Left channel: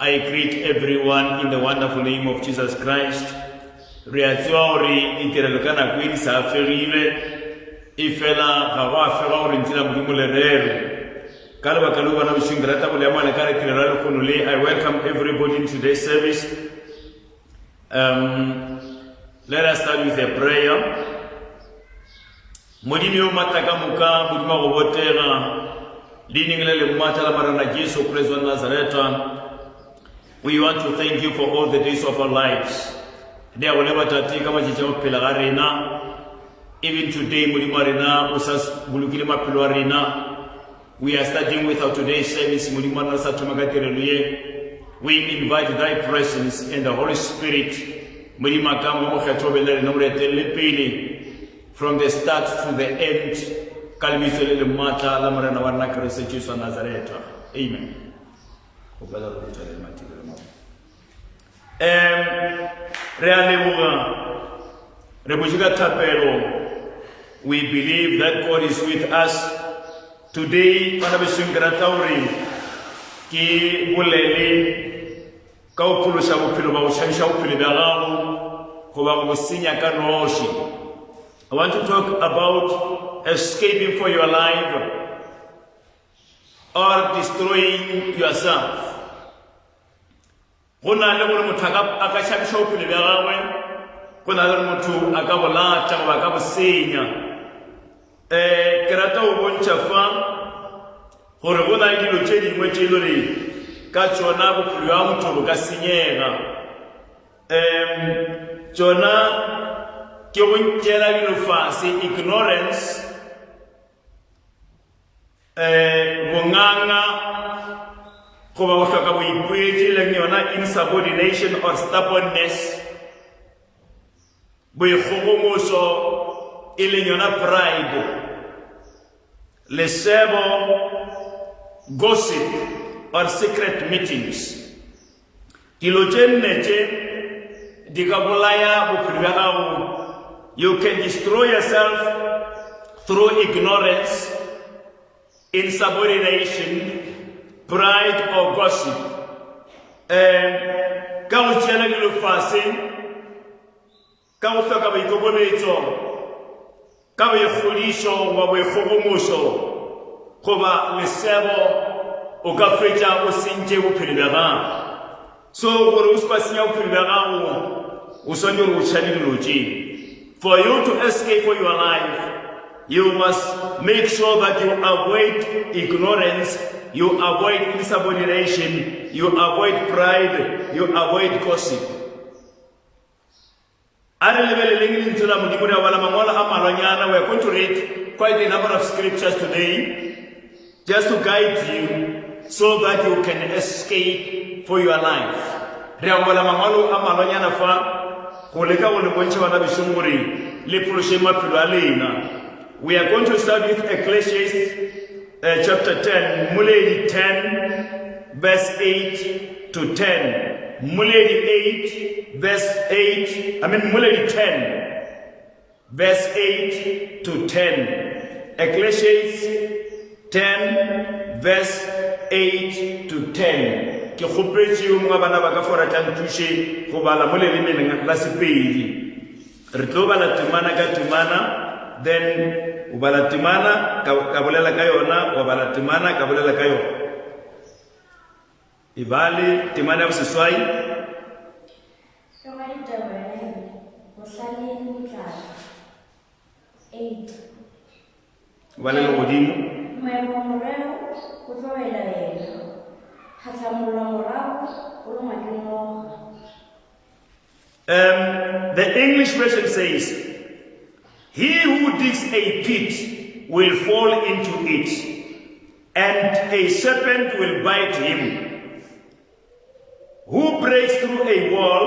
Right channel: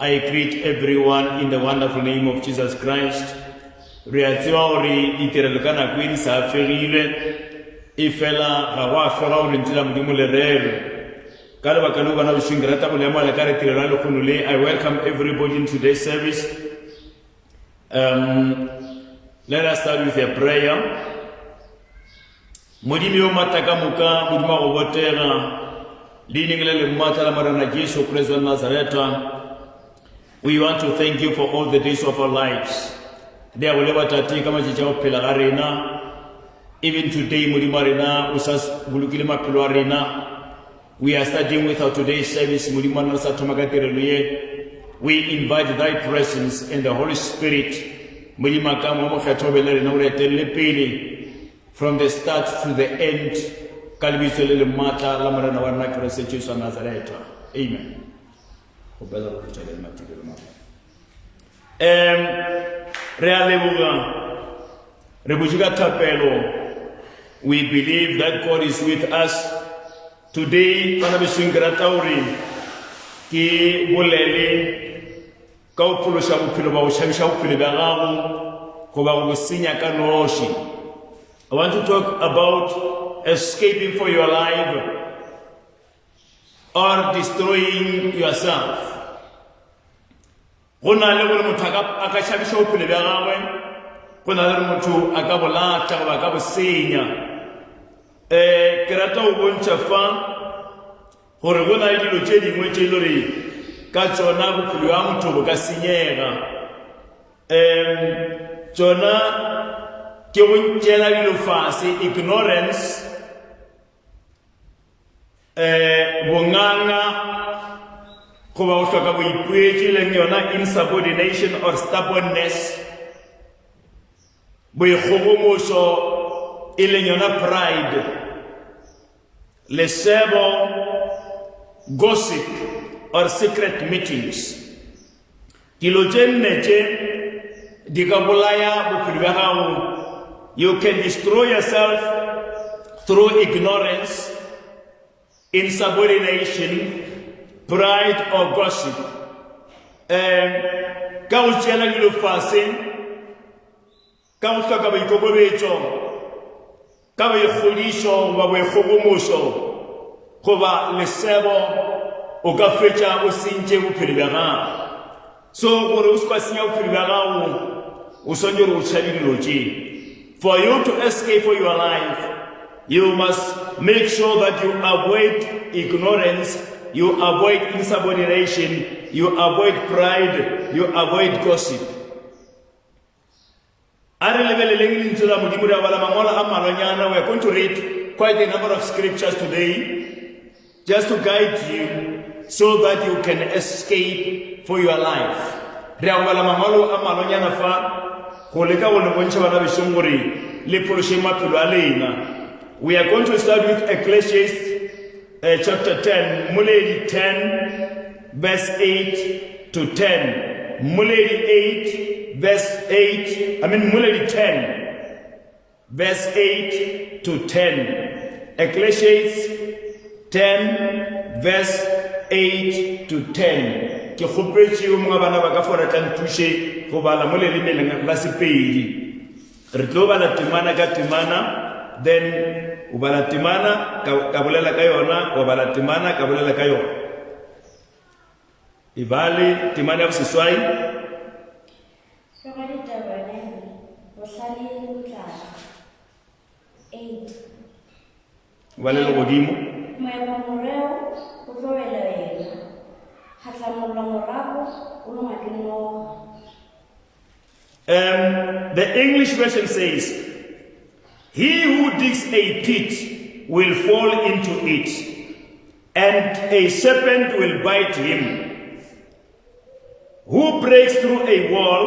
I greet everyone in the wonderful name of Jesus Christ. I welcome everybody in today's service. Let us start with a prayer. We want to thank you for all the days of our lives. Even today, we are starting with our today's service. We invite thy presence and the Holy Spirit from the start to the end. Amen. We believe that God is with us today. I want to talk about escaping for your life or destroying yourself. Ignorance, insubordination or stubbornness, pride, gossip or secret meetings. You can destroy yourself through ignorance, insubordination, pride or gossip. For you to escape for your life, you must make sure that you avoid ignorance, you avoid insubordination, you avoid pride, you avoid gossip. We are going to read quite a number of scriptures today, just to guide you so that you can escape for your life. Re a bala mangwalo a malonyana fa go leka go le bontšha bana besong gore le phološe maphelo a lena. We are going to start with Ecclesiastes chapter 10, Muleli 10, verse 8 to 10. Muleli 8, verse 8, Muleli 10, verse 8 to 10. Ecclesiastes 10, verse 8 to 10. Ke khopetse yo mga bana ba ka fora ka nthuše go bala mo lelemeleng la Sepedi. Re tlo bala temana ka temana, then o bala temana ka bolela ka yona, o bala temana ka bolela ka yona. Ibale temana ya boseswai. Shogari tabarele, bohlale botlala. 8. Bale le godimo. Moemo moreo go tlowela yena. Kgatlamollo morago o longwa ke noga. The English version says, "He who digs a pit will fall into it, and a serpent will bite him. Who breaks through a wall?"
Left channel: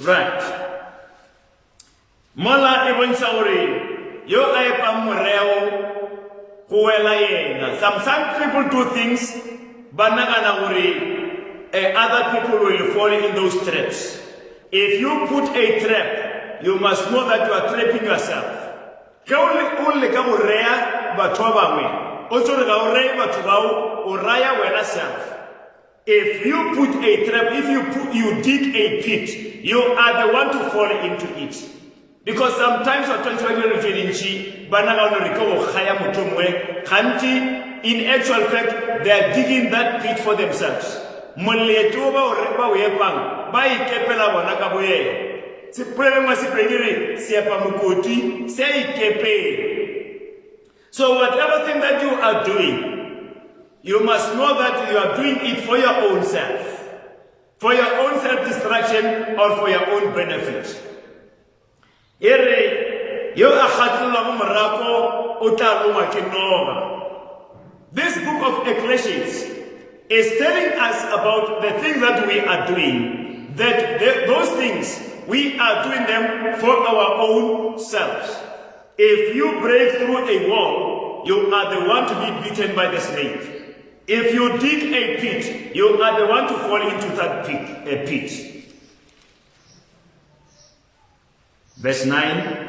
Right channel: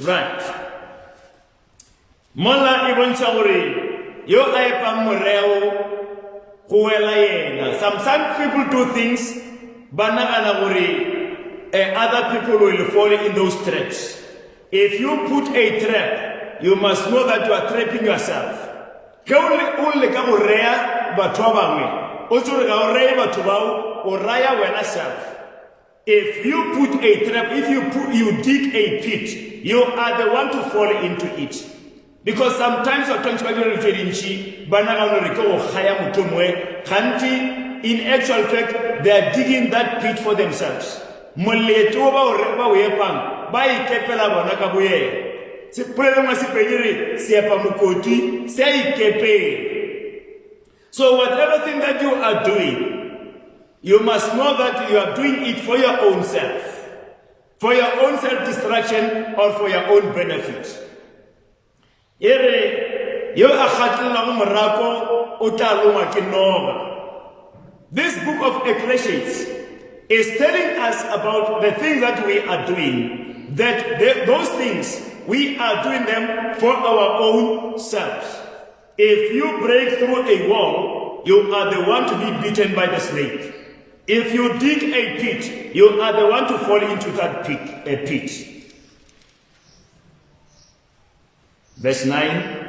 Right. Mola e bontsha gore yo a epang moreo go wela yena. Some people do things ba nagana gore other people will fall in those traps. If you put a trap, you must know that you are trapping yourself. Ge o le ka go rea batho ba bangwe, o tsore ga o reye batho bao, o raya wena self. If you put a trap, if you dig a pit, you are the one to fall into it. Because sometimes in actual fact, they are digging that pit for themselves. So whatever thing that you are doing, you must know that you are doing it for your own self, for your own self-destruction or for your own benefit. This book of Ecclesiastes is telling us about the things that we are doing, that those things, we are doing them for our own selves. If you break through a wall, you are the one to be beaten by the snake. If you dig a pit, you are the one to fall into that pit. Verse 9.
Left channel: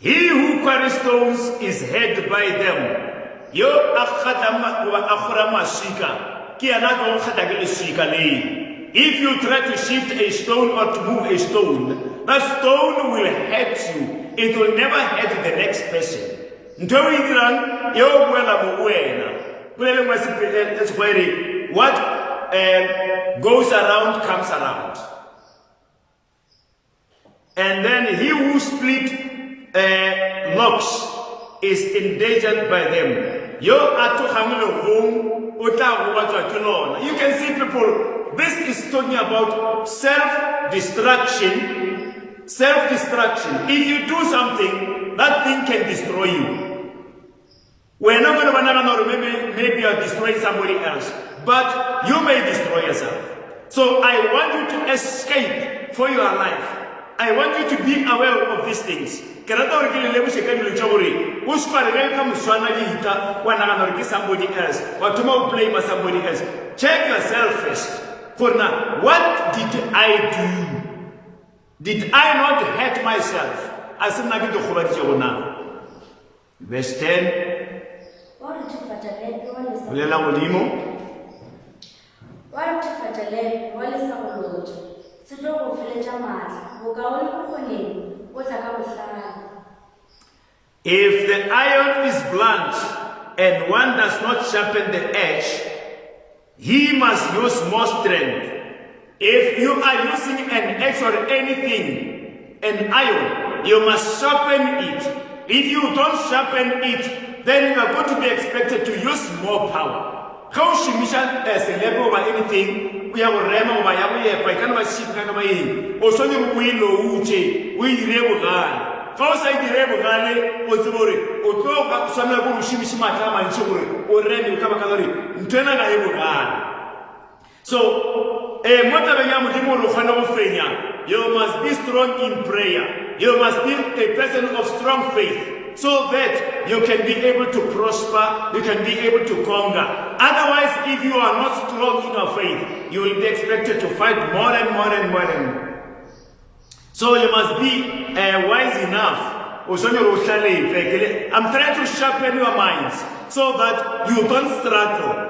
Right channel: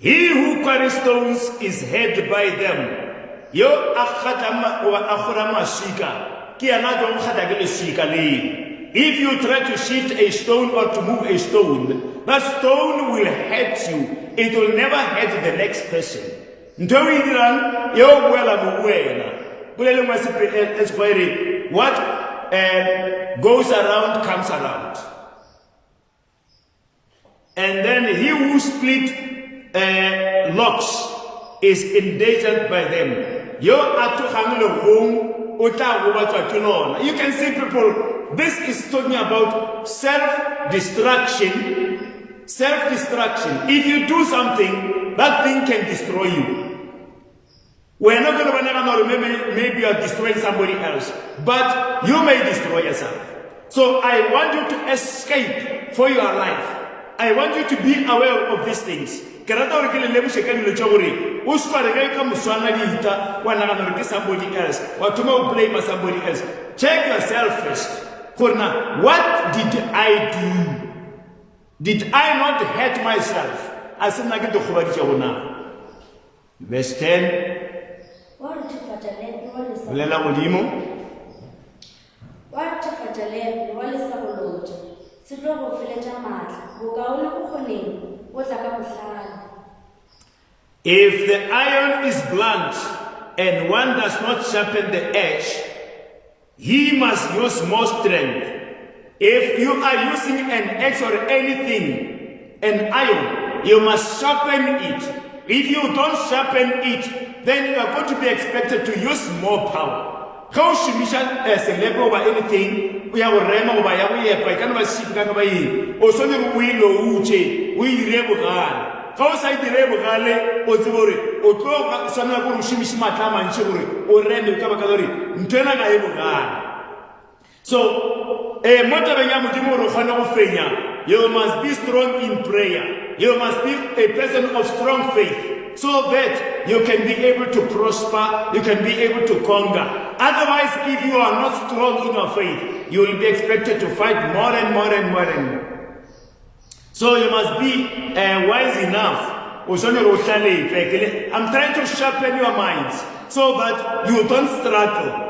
He who quarries stones is heard by them. If you try to shift a stone or to move a stone, that stone will hurt you. It will never hurt the next person. What goes around comes around. And then he who split locks is endangered by them. You can see people, this is talking about self-destruction. Self-destruction. If you do something, that thing can destroy you. We're not going to know, maybe you are destroying somebody else, but you may destroy yourself. So I want you to escape for your life. I want you to be aware of these things. Somebody else, or to blame somebody else. Check yourself first. What did I do? Did I not hurt myself? Verse 10. If the iron is blunt and one does not sharpen the edge, he must use more strength. If you are using an axe or anything, an iron, you must sharpen it. If you don't sharpen it, then you are going to be expected to use more power. How she mission as a level over anything, we have a rema over every year, but I can't see kind of a also you will know uche. o dire bogale fa o sa dire bogale o tsebo gore o tlo ga swana go shimishi matla mantse gore o rene ka baka gore ntwena ga e bogale. So mo tabeng ya modimo gore o kgone go fenya, you must be strong in prayer. You must be a person of strong faith, so that you can be able to prosper, you can be able to conquer. Otherwise, if you are not strong in your faith, you will be expected to fight more and more and more and more. So you must be wise enough. I'm trying to sharpen your minds so that you don't struggle.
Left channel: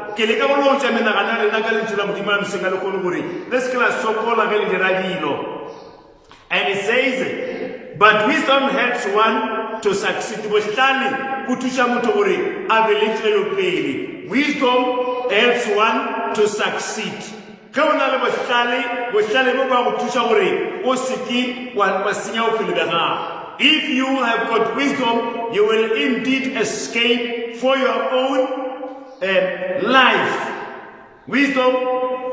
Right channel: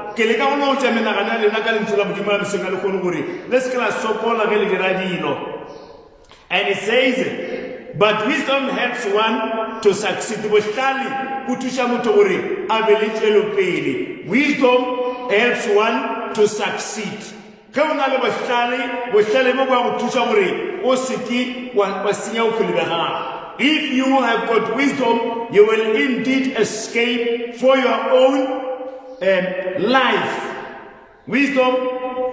And it says, but wisdom helps one to succeed. Wisdom helps one to succeed. If you have got wisdom, you will indeed escape for your own life. Wisdom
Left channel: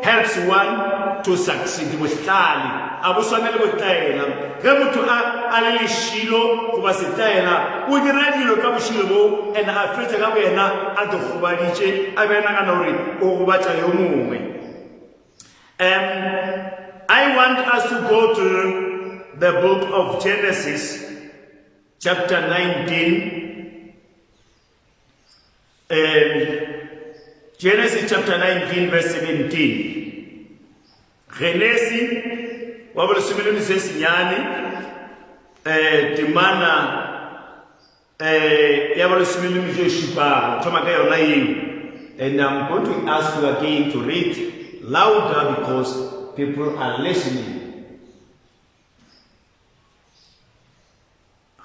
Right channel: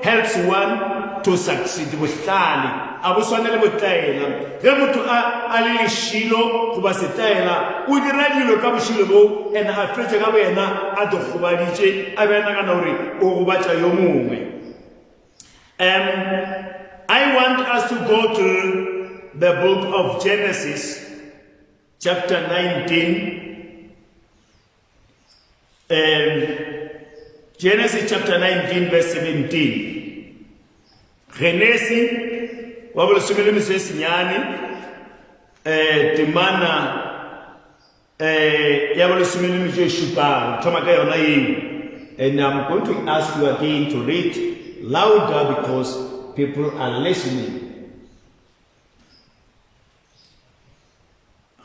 helps one to succeed. Abu sanele botayela ge motho a le shilo go ba setayela o dira dilo ka boshilo bo ene a fetse ka boena a dogobaditse a bena kana hore o go batla yo mongwe. I want us to go to the book of Genesis chapter 19, Genesis chapter 19 verse 17. Genesis wabula simile misesi nyani temana yabula simile misesi shipa toma kayo na hii. And I'm going to ask you again to read louder because people are listening.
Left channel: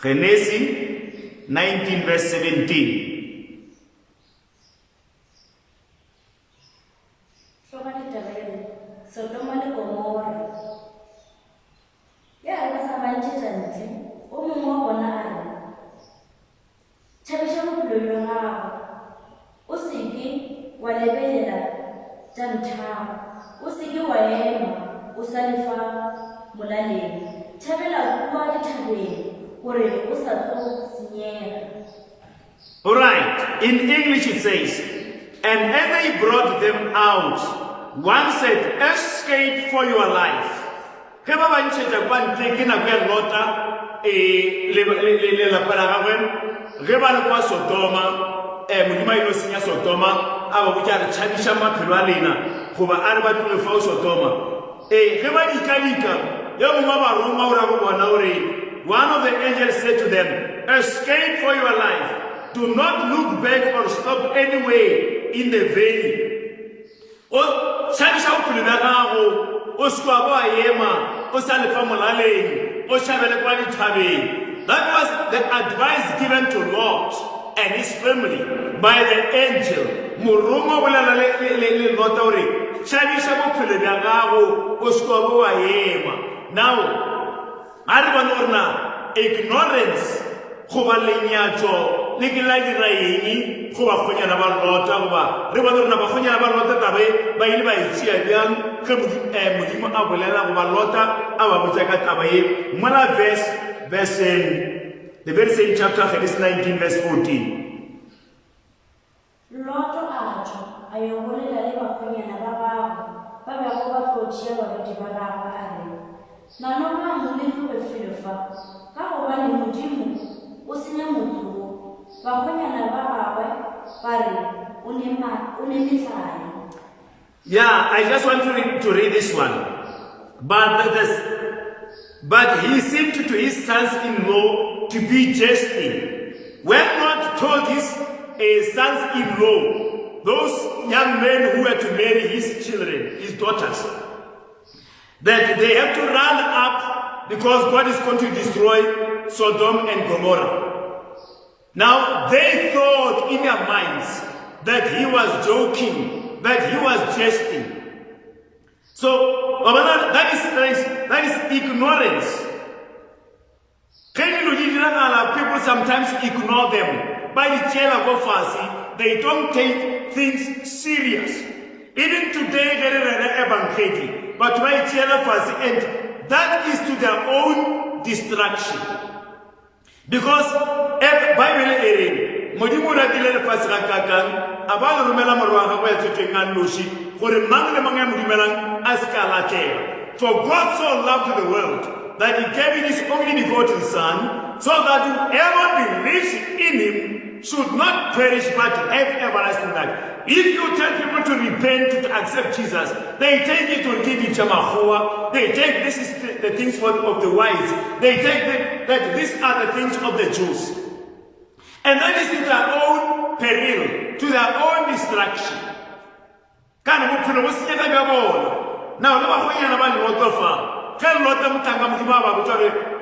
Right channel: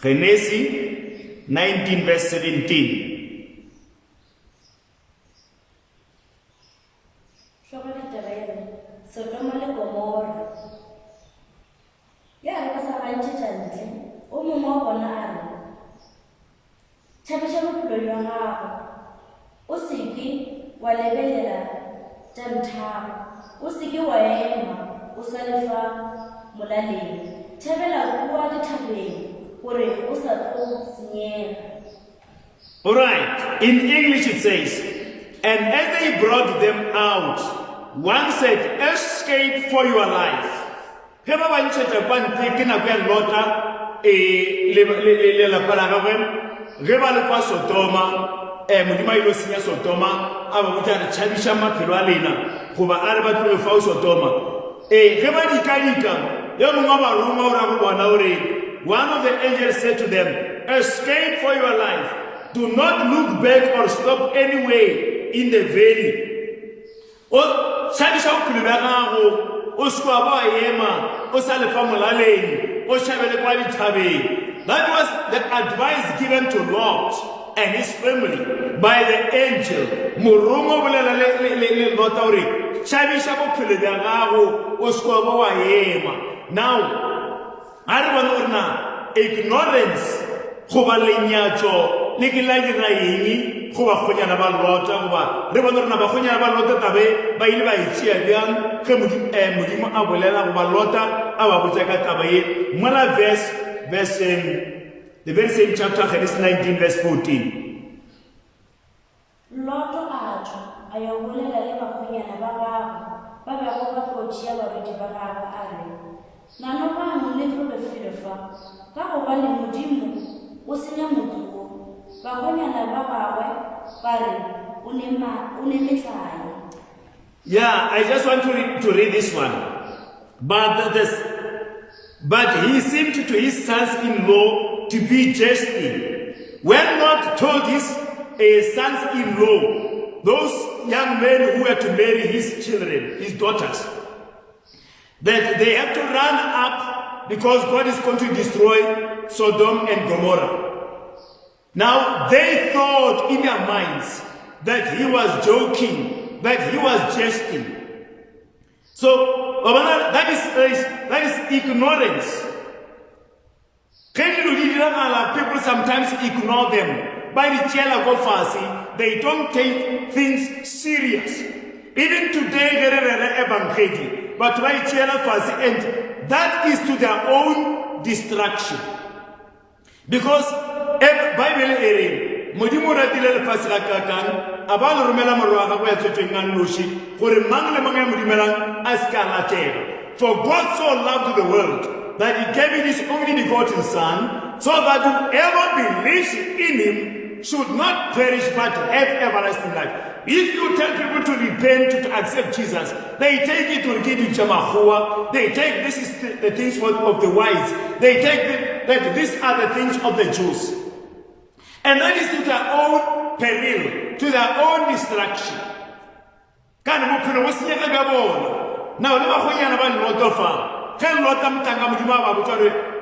Genesis 19 verse 17. Alright, in English it says, and as they brought them out, one said, escape for your life. Sodoma aba botsa re tshadisha maphelo a lena goba a re ba tlo fa Sodoma ge ba dikadika yo mongwe ba roma o ra go bona ore one of the angels said to them, escape for your life, do not look back or stop anywhere in the valley. O tshadisha bophelo ba gago o se kwa ba ema o sa le fa molaleng o shabele kwa dithabeng. That was the advice given to Lot and his family by the angel. Murumo bolela le Lot ore tshadisha bophelo ba gago o se kwa ba ema. Now a re bona gore na ignorance goba lenyatso le ke la dira eng goba kgonyana ba Lota goba re bona gore na ba kgonyana ba Lota tabe ba ile ba itšea bjang ge modimo a bolela goba Lota a ba botsa ka taba ye. Mola verse the very same chapter, Genesis 19 verse 14. Loto ajo ayo bolela le ba kgonyana ba gago ba ba go ba tlotšea baruti ba gagwe a re na no ba mo le tlo felo fa ka go ba le modimo o senya motho ba kgonyana ba gagwe ba re o ne metlae. Yeah, I just want to read this one. But he seemed to his sons-in-law to be jesting. When Lot told his sons-in-law, those young men who were to marry his children, his daughters, that they have to run up because God is going to destroy Sodom and Gomorrah. Now, they thought in their minds that he was joking, that he was jesting. So, that is ignorance. People sometimes ignore them. By the chair of Fasi, they don't take things serious. Even today, but by chair of Fasi, and that is to their own destruction. Because if Bible ere modimo ratile le pasika kakang abalo rumela morwa ga go etsetwe nang noshi gore mang le mang ya modimelang a ska latela. For God so loved the world that he gave his only begotten Son, so that whoever believes in him should not perish but have everlasting life. If you tell people to repent, to accept Jesus, they take it to give it Jamahua. They take this is the things of the wise. They take that these are the things of the Jews. And that is to their own peril, to their own destruction. Now, never going about lot of tell lot of Tangam,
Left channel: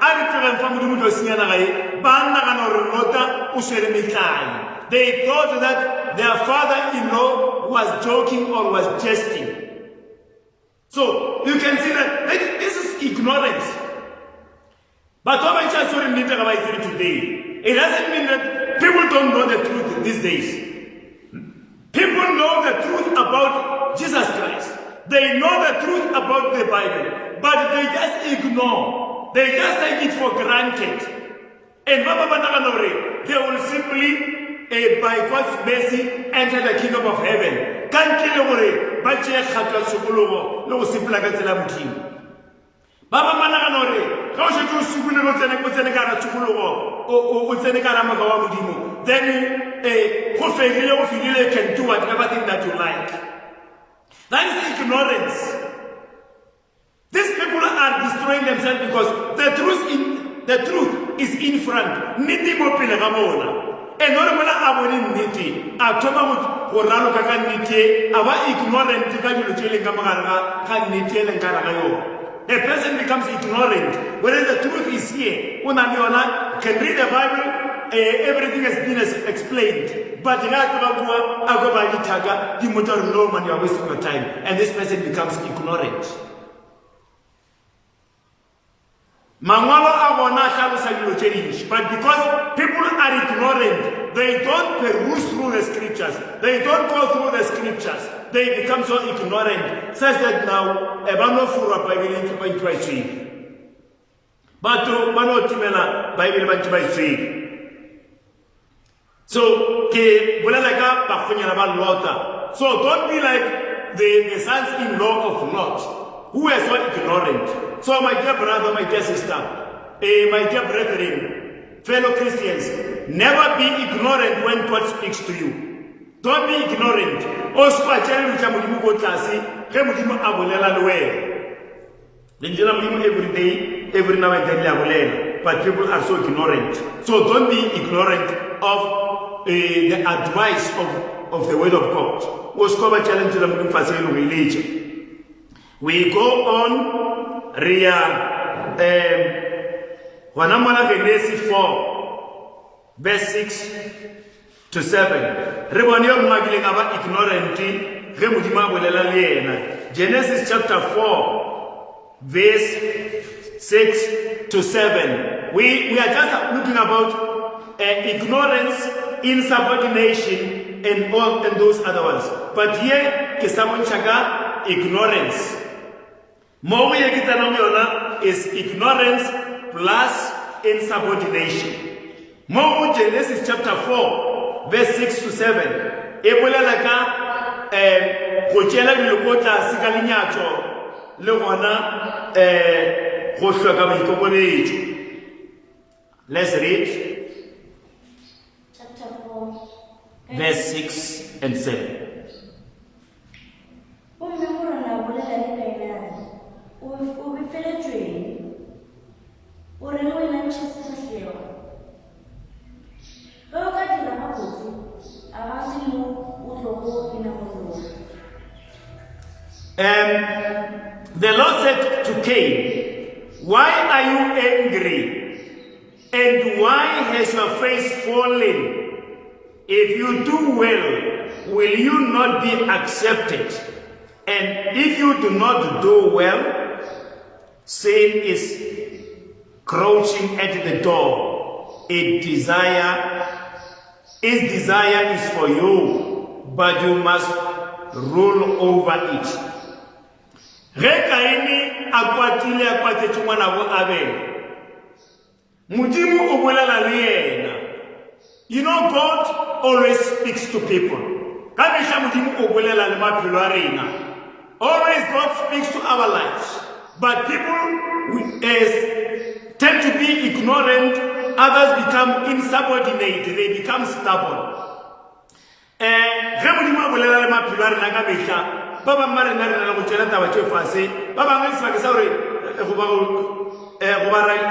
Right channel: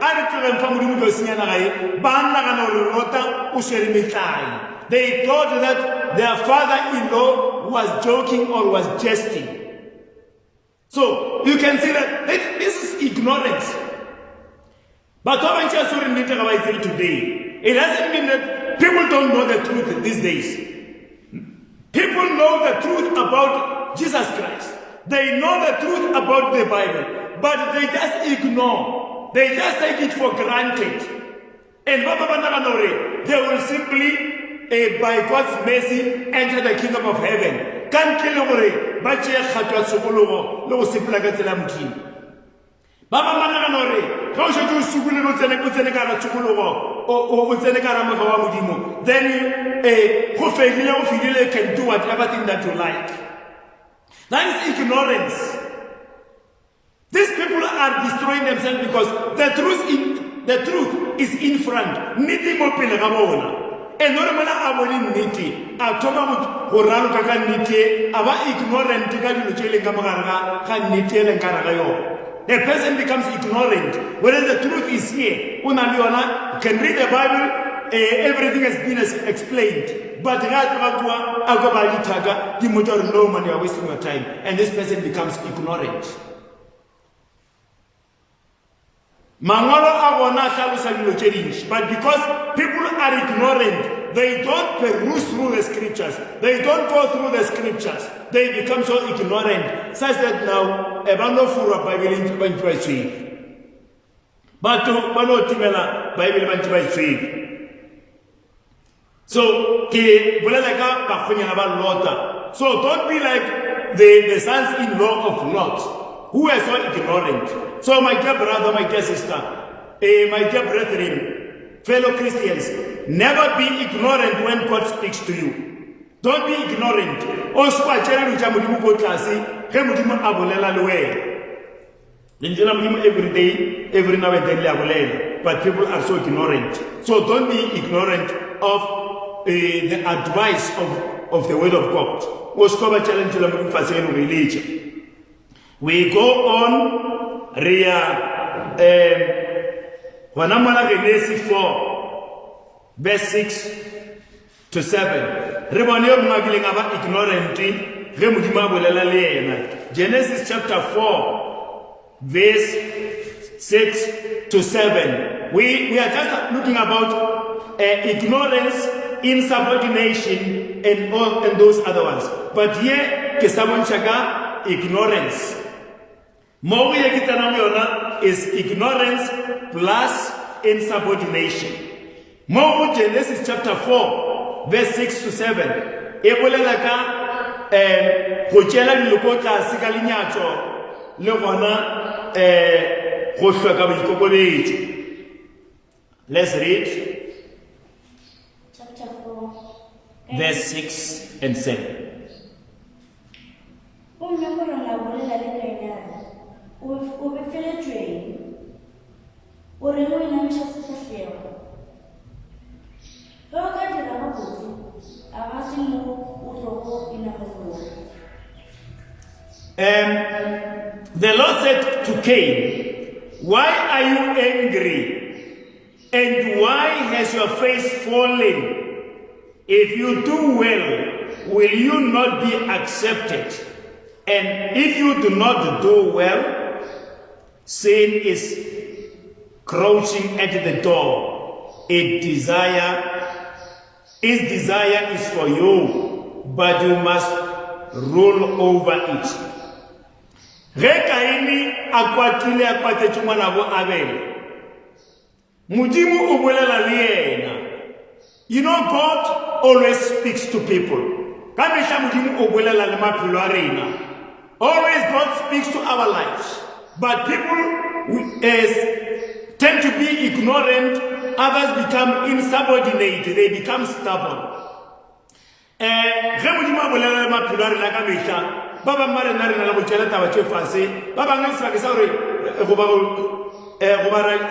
I return from the Mudo Ban Userikai. They thought that their father-in-law was joking or was jesting. So you can see that this is ignorance. But what I just saw in today, it doesn't mean that people don't know the truth these days. People know the truth about Jesus Christ. They know the truth about the Bible, but they just ignore. They just take it for granted. And they will simply by God's mercy enter the kingdom of heaven. Can't kill away, but you have to sukulugo, no simple against the Lamuti. Baba Mananore, how should you sukulugo with Senegara Sukulugo or with Senegara Makawamudimu? Then a Hofegino Figile can do whatever thing that you like. That is ignorance. These people are destroying themselves because the truth is in front. Niti mopile gamona. E normala aboni niti. Atoma horano kaka niti. Aba ignorant tika juluchele kamaganga ka niti ele nkaragayo. A person becomes ignorant. Whereas the truth is here. Unambiona can read the Bible. Everything has been explained. But right now, Agobali Taga, the motor no man, you are wasting your time. And this person becomes ignorant. But because people are ignorant, they don't peruse through the scriptures. They don't go through the scriptures. They become so ignorant. Such that now, Ebano Fura Bible into Bantuai. But to Bano Timela Bible Bantuai. So, so don't be like the sons-in-law of Lot, who are so ignorant. So my dear brother, my dear sister, my dear brethren, fellow Christians, never be ignorant when God speaks to you. Don't be ignorant. Also, I tell you, every day, every now and then, but people are so ignorant. So don't be ignorant of the advice of the word of God. We go on Genesis 4 verse 6 to 7. Genesis chapter 4 verse 6 to 7. We are just looking about ignorance, insubordination, and those other ones. But here, ignorance. More is ignorance plus insubordination. More Genesis chapter 4, verse 6 to 7. Let's read chapter 4, verse 6 and 7. The Lord said to Cain, "Why are you angry? And why has your face fallen? If you do well, will you not be accepted? And if you do not do well, sin is crouching at the door. Its desire is for you, but you must rule over it." Modimo o bolela le yena. You know, God always speaks to people. Ka mehla Modimo o bolela le maphelo a rena. Always God speaks to our lives. But people tend to be ignorant. Others become insubordinate. They become stubborn. Ge Modimo a bolela le maphelo a rena ka mehla, ba bang ba rena re na le go tšela taba tše fase, ba bang ga sebaka sa gore goba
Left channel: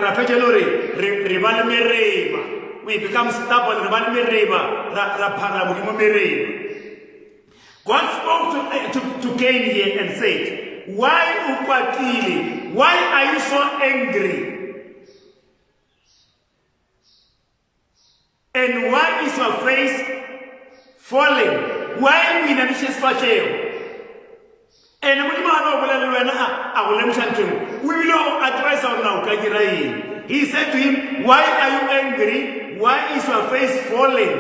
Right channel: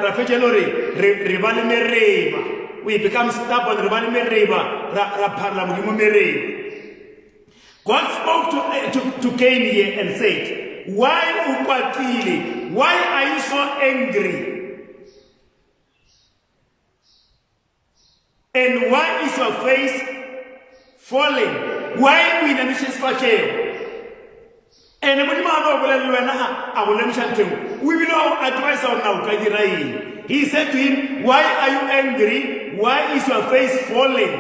ra fetšele gore re ba le mereba. We become stubborn, re ba le mereba, ra phara Modimo mereba. God spoke to Cain here and said, why o kwatile? Why are you so angry? And why is your face falling? Why we inamishes fasheo? And we will all advise our now. He said to him, why are you angry? Why is your face falling?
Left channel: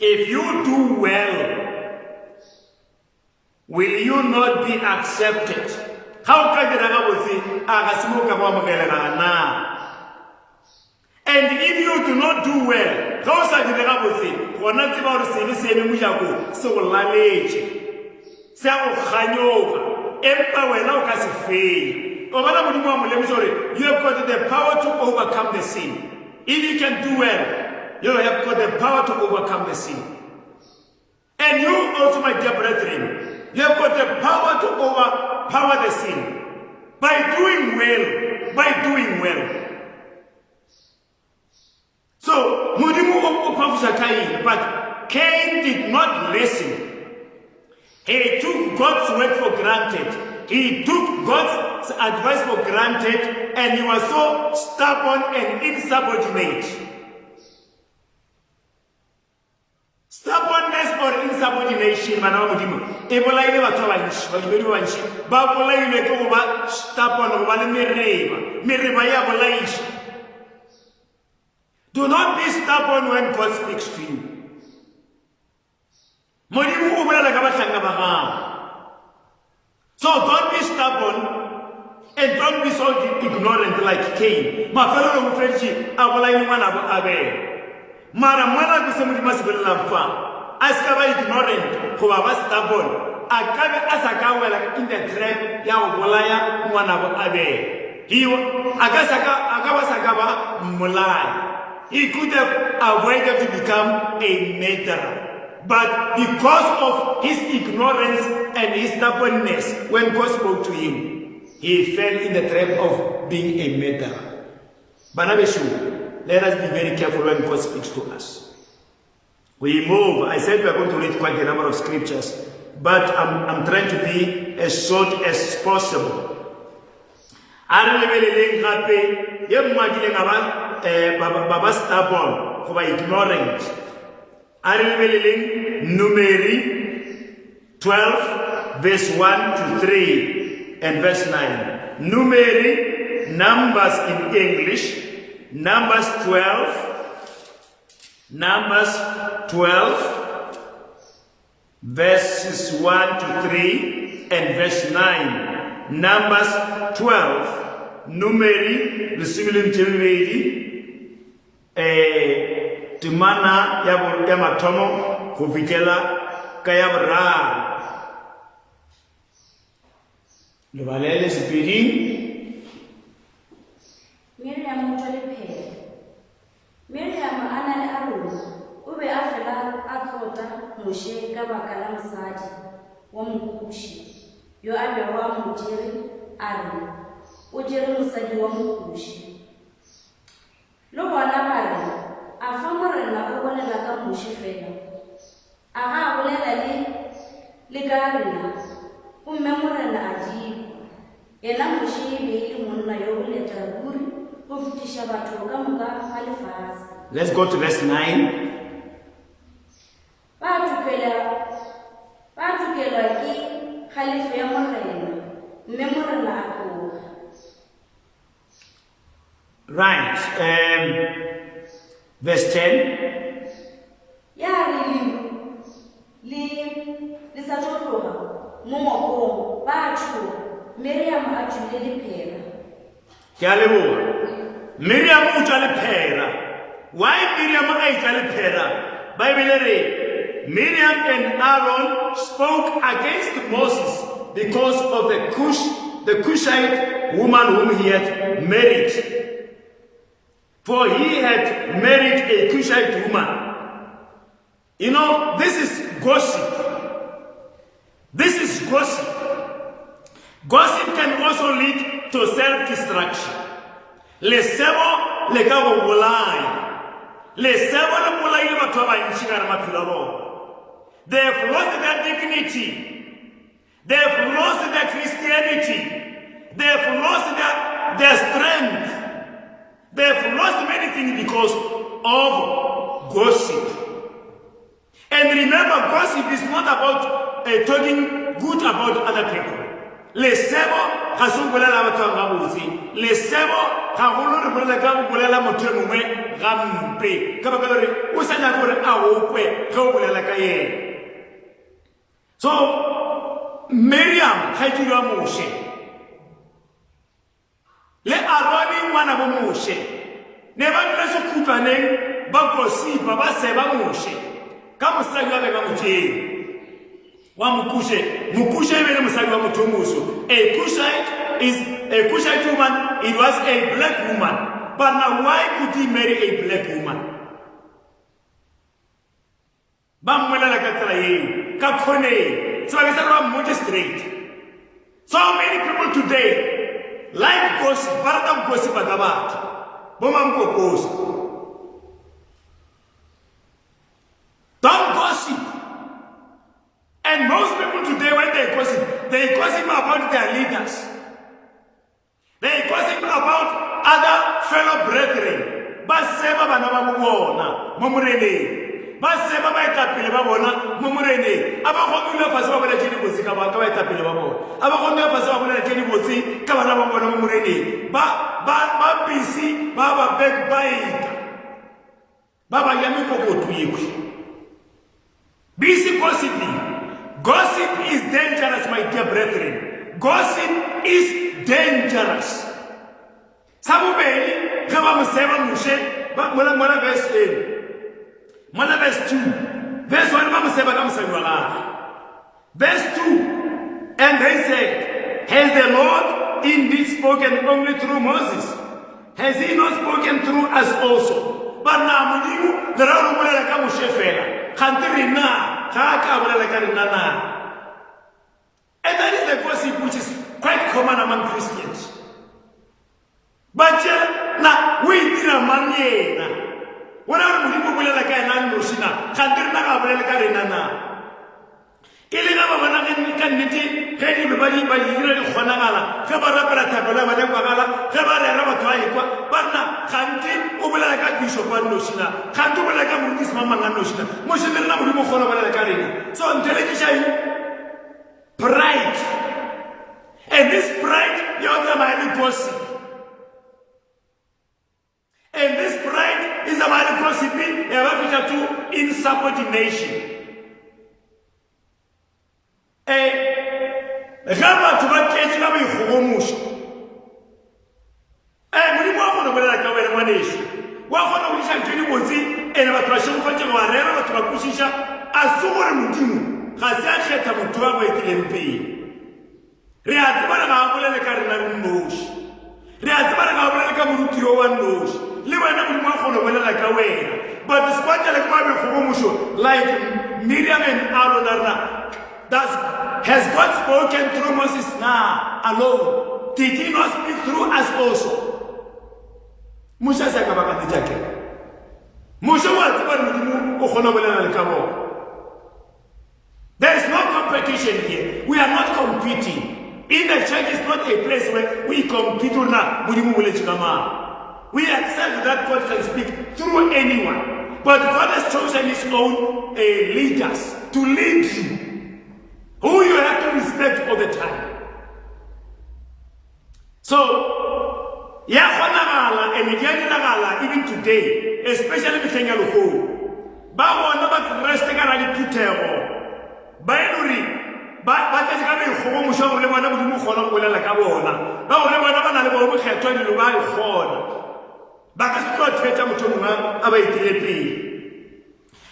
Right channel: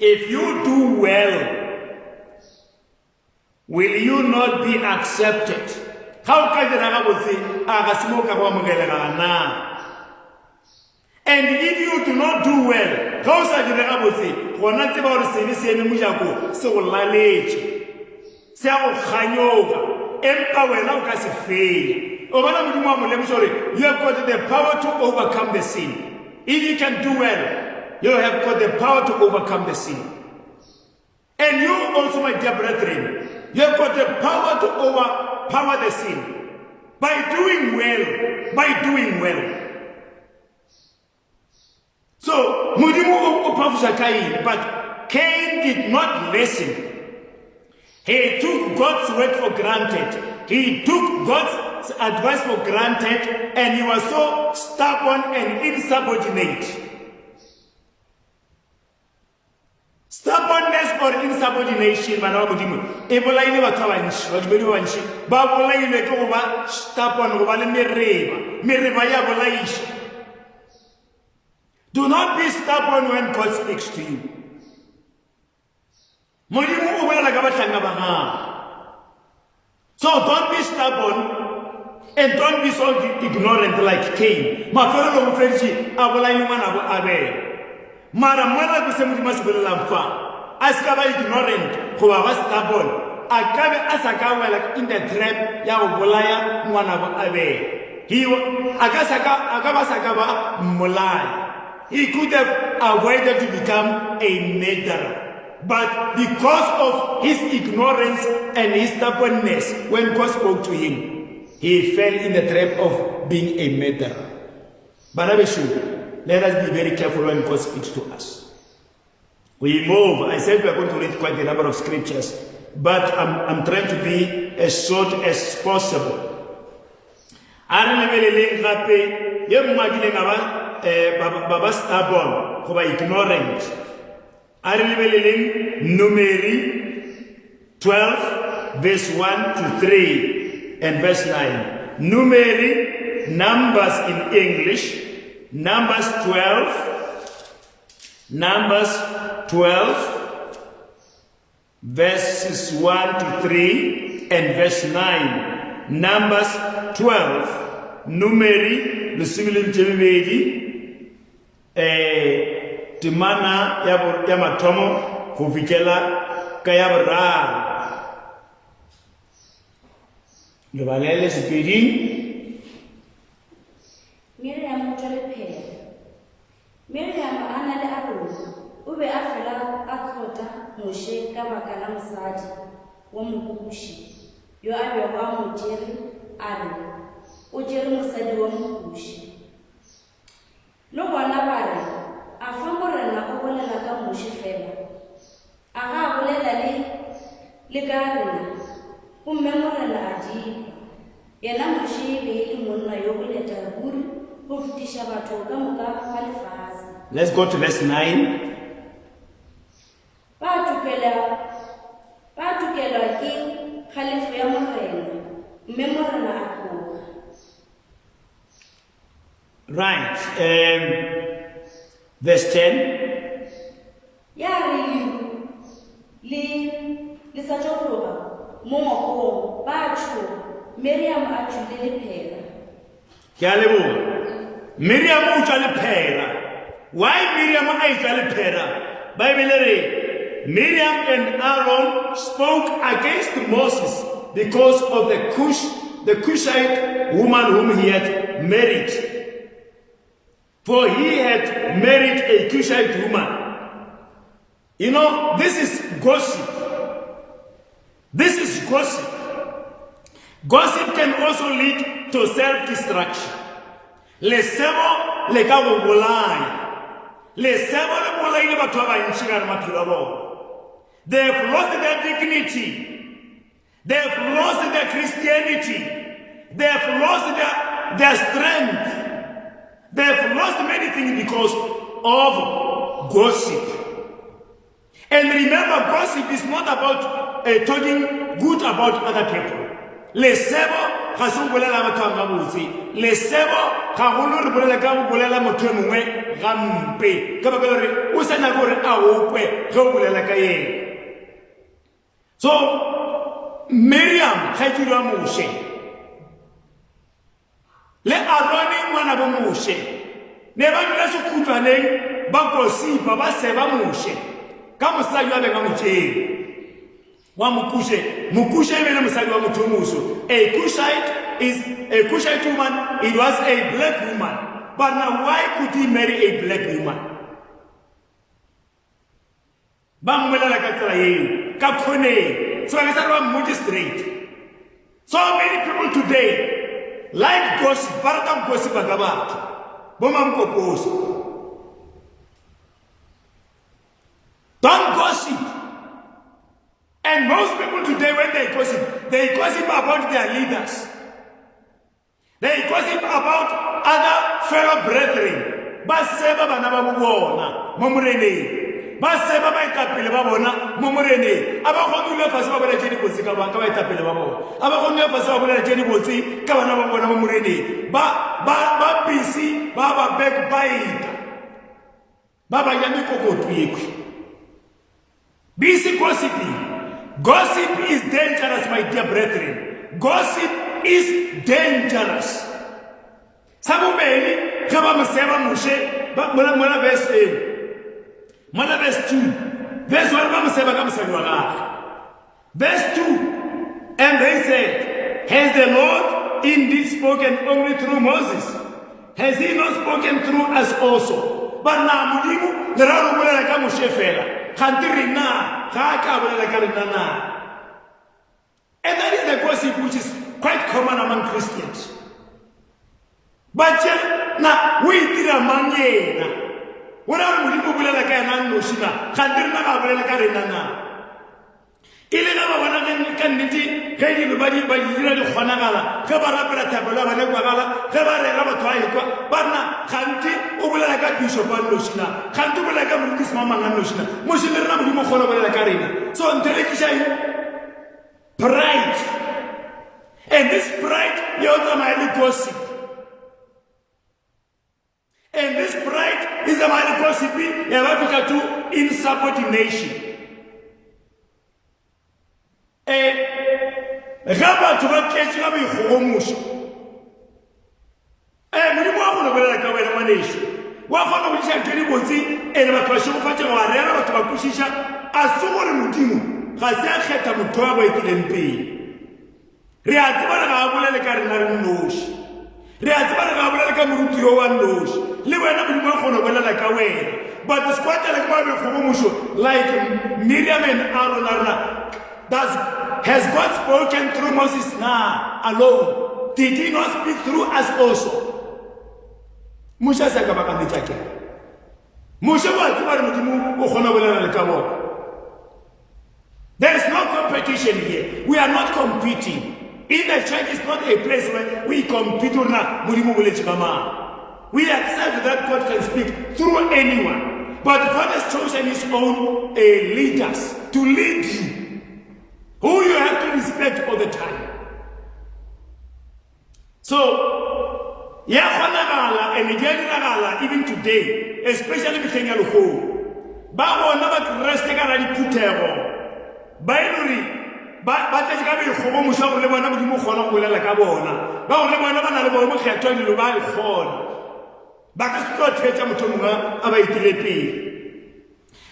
If you do well, will you not be accepted? How can you and if you do not do well, how can you se go khanyoga empa wena o ka se fele o bana modimo wa molemisa you have got the power to overcome the sin. If you can do well, you have got the power to overcome the sin. And you also, my dear brethren, you have got the power to overpower the sin by doing well. So modimo o prophecy Cain, but Cain did not listen. He took God's word for granted. He took God's advice for granted, and he was so stubborn and insubordinate. Stubbornness or insubordination, manao modimo. E bolaile batho ba ntši, badimedi ba ntši, ba bolailwe ke go ba stubborn, go ba le mereba ya bolaiša. Do not be stubborn when God speaks to you. Modimo o bolela ka bahlanga ba gago. So don't be stubborn and don't be so ignorant like Cain. Mafelo go fetši a bolaile ngwana bo Abel. Mara mwana go se modimo se bolelang fa. A se ka ba ignorant go ba stubborn. A ka be a sa ka wela in the trap ya go bolaya ngwana bo Abel. A ka ba sa ka ba mmolaya. He could have avoided to become a murderer. But because of his ignorance and his stubbornness, when God spoke to him, he fell in the trap of being a murderer. Banabeshu, let us be very careful when God speaks to us. We move. I said we are going to read quite a number of scriptures, but I'm trying to be as short as possible. Baba stubborn, for ignorant. Numeri 12, verse 1 to 3 and verse 9. Numeri, Numbers in English, Numbers 12, verses 1 to 3 and verse 9. Numbers 12, Numeri, the single Timana ya matomo kufikela kaya bra. Ngebalele sipili. Miriam mutole Miriam ana le Aaron o be a fela a tsota Moshe ka baka la mosadi wa Mokushi yo a bego a mo jere a re o jere mosadi wa Mokushi. Lo bona ba re a fa morena o bolela ka Moshe fela a ga bolela le ka rena o mme morena a di yena Moshe be le monna yo o leta ruri go fetiša batho ka moka ga lefase. Let's go to verse 9. Ba tukela ke kgalefo ya morena mme morena a tloga. Right. Verse 10. Ya re le sa tloga mo ngokong ba tsho Miriam a tšhile lephela. Ke a leboga. Miriam o tla le phera. Why Miriam a tla le phera? Bible re Miriam and Aaron spoke against Moses because of the Cushite woman whom he had married. For he had married a Cushite woman. You know, this is gossip. This is gossip. Gossip can also lead to self-destruction. Le sebo le ka go bolaya. Le sebo le bolaile batho ba bantši ka re maphelo a bona. They have lost their dignity. They have lost their Christianity. They have lost their strength. They have lost many things because of gossip. And remember, gossip is not about talking good about other people. Le sebo ga se bolela batho ba botse. Le sebo ga go lo re bolela ka bolela motho mongwe gampe. Ka ba re o sa na gore a o kwe go bolela ka yena. So Miriam ga ke wa Moshe. Le Aroni ngwana bo Moshe. Ne ba dira se khutlaneng ba gosipa ba seba Moshe. Ka mosadi wa bega motšeng wa mokushe bene mosadi wa motho moso. A Cushite woman, it was a black woman. But now why could he marry a black woman? Ba mmolela ka tsela eng ka khoneng. So I got more straight. So many people today like gossip, but gossip ka batho bo mamkokoso. Don't gossip. And most people today, when they gossip about their leaders. They gossip about other fellow brethren. Ba seba bana ba bona mo moreneng. Ba seba ba etapele ba bona mo moreneng. Aba go dula fase ba bona tšedi botse ka ba etapele ba bona. Aba go dula fase ba bona tšedi botse ka bana ba bona mo moreneng. Ba busy ba backbite. Ba ba ya mikokotu yeku. Busy gossiping. Gossip is dangerous, my dear brethren. Gossip is dangerous. Samubeli, kama msema Moshe, mwana verse 8. Mwana verse 2. Verse 1, mama msema kama msema wala. Verse 2. And they said, has the Lord indeed spoken only through Moses? Has he not spoken through us also? But now, mudimu, nararu mwela kama Moshe fela. And that is the gossip which is quite common among Christians. But now we did a man. What are we doing like an Andoshina? Cantina, Abelcarina. Ilena Banana can meet everybody by Yuri Honagala, Kabarabara Tabala, Kabara Twaika, Bana, Kanti, Ubelaka Bishop Andoshina, Kantu like a Mundis Mama Andoshina, Mushina Muhola Carina. So I'm telling you, pride. And this pride, the other mighty gossip. And this pride is a mighty gossiping, a to insubordination. Gaba to what change na be homush. Muri mo go bela ka wena maneshi. Wa go no bisa tshedi botsi ene ba tshwa go fatse wa rera batho ba kusisha a se gore modimo ga se a kgetha motho wa ba etleng pele. Re a tseba ga bolele ka rena re noshi. Re a tseba ga bolele ka moruti yo wa noshi. Le wena mo go no bela ka wena. But this kwatla le ba be go musho like Miriam and Aaron has God spoken through Moses now alone? Did he not speak through us also? Musa sa kabaka mitake. Musa wa tsibari mudimu o khona bolela le kamo. There is no competition here. We are not competing. In the church is not a place where we compete or not. Mudimu bolela kama. We accept that God can speak through anyone. But God has chosen his own leaders to lead you, who you have to respect all the time. So, even today, especially with Kenya Loko, Babo never rest again Putero. Binary, but there's going to be a Musa of the Manabu Muhola like a bona. No, never know what I told you about it. ba ka se tlo thetsa motho mongwe a ba itire pele.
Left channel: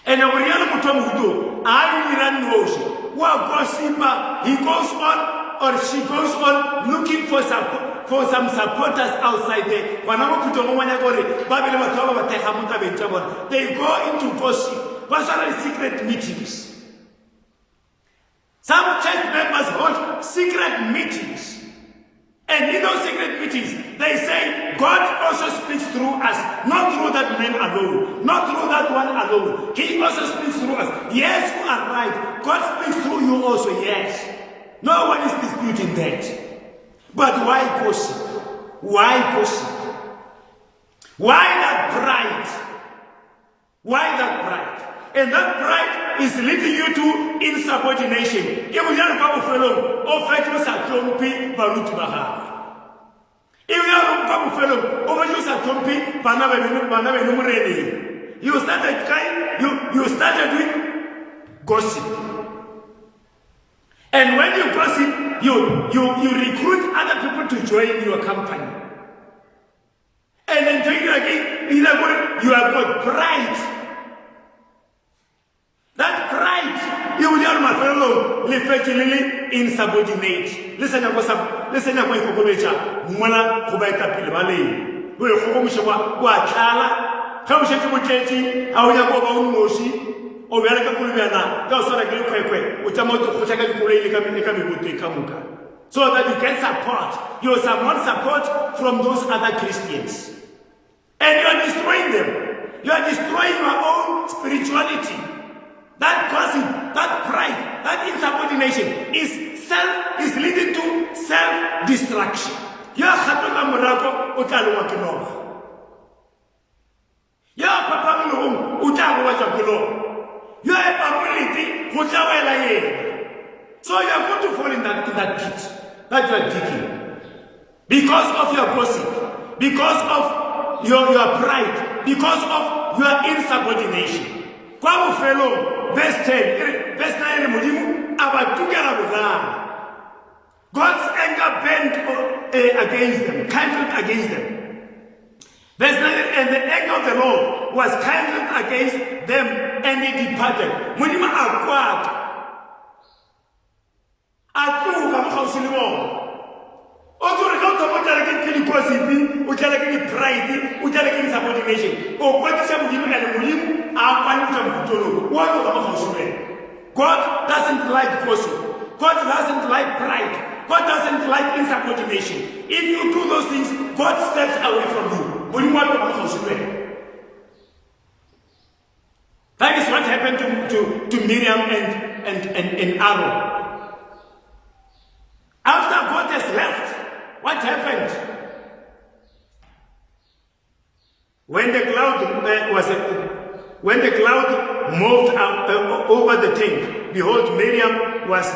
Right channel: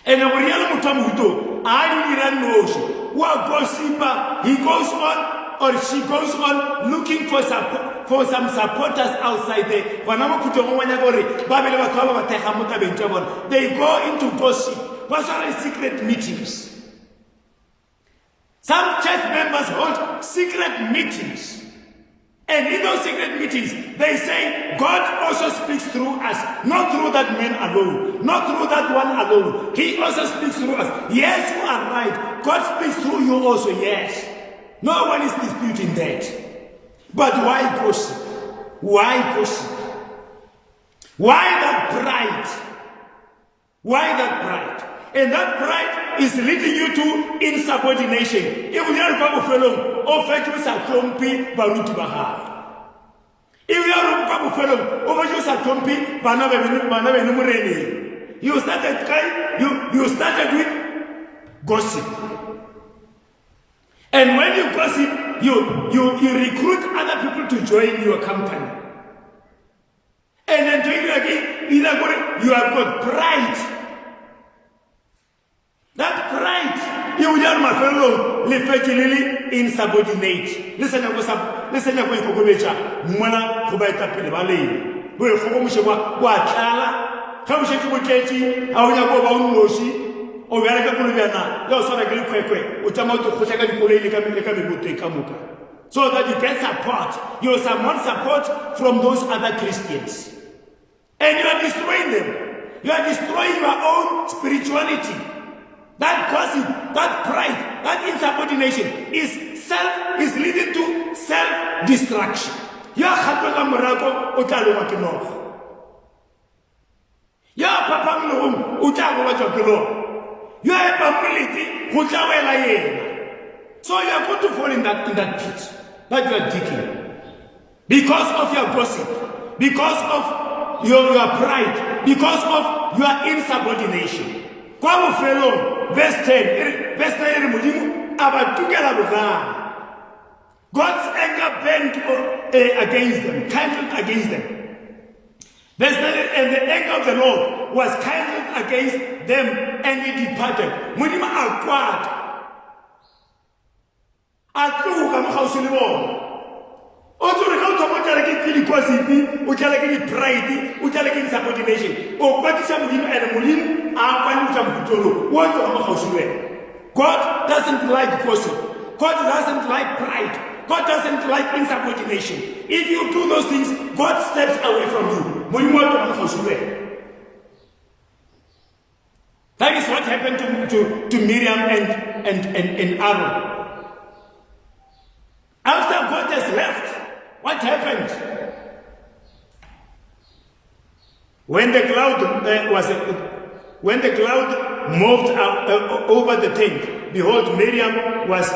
And go rialo motho a mohuto a di dira noši wa gossiper, he goes on or she goes on looking for some supporters outside there. They go into gossip. What are the secret meetings? Some church members hold secret meetings. And in those secret meetings, they say God also speaks through us, not through that man alone, not through that one alone. He also speaks through us. Yes, you are right. God speaks through you also, yes. No one is disputing that. But why gossip? Why gossip? Why that pride? Why that pride? And that pride is leading you to insubordination. If you are a fellow, offenders are clumpy, barut baha. If you are a fellow, offenders are clumpy, banana. You started with gossip. And when you gossip, you recruit other people to join your company. And then to you again, you have got pride. That pride, you will my fellow, effectively insubordinate. Listen to what Mwana Kubaita Pilvali. We'll home what Chala, how should you take it? How you go on Moshi? O vera ka kulugana ya usana kile kwekwe utamoto kushaka kuleni kama ikamuka so that you get support. You support from those other Christians, and you are destroying them. You are destroying your own spirituality. That gossip, that pride, that insubordination is leading to self-destruction. You are hatoka murako utalo wakino. You are papa mnuhum utalo wakino. You are a family, so you are going to fall in that pit that you are digging. Because of your gossip, because of your pride, because of your insubordination. Kwa fellow, verse 10, God's anger burned against them, kindled against them. Verse 9, and the anger of the Lord was kindled against them, and he departed. Munima acquired. Atuka mkhausilimo. Otu rikauta moja kini gossip, ujala kini pride, ujala kini subordination. Okwatisha mjini ene mulimu, akwani utamkutolo. Wote wa mkhausilimo. God doesn't like gossip. God doesn't like pride. God doesn't like insubordination. If you do those things, God steps away from you. That is what happened to Miriam and Aaron. After God has left, what happened? When the cloud moved over the tent, behold, Miriam was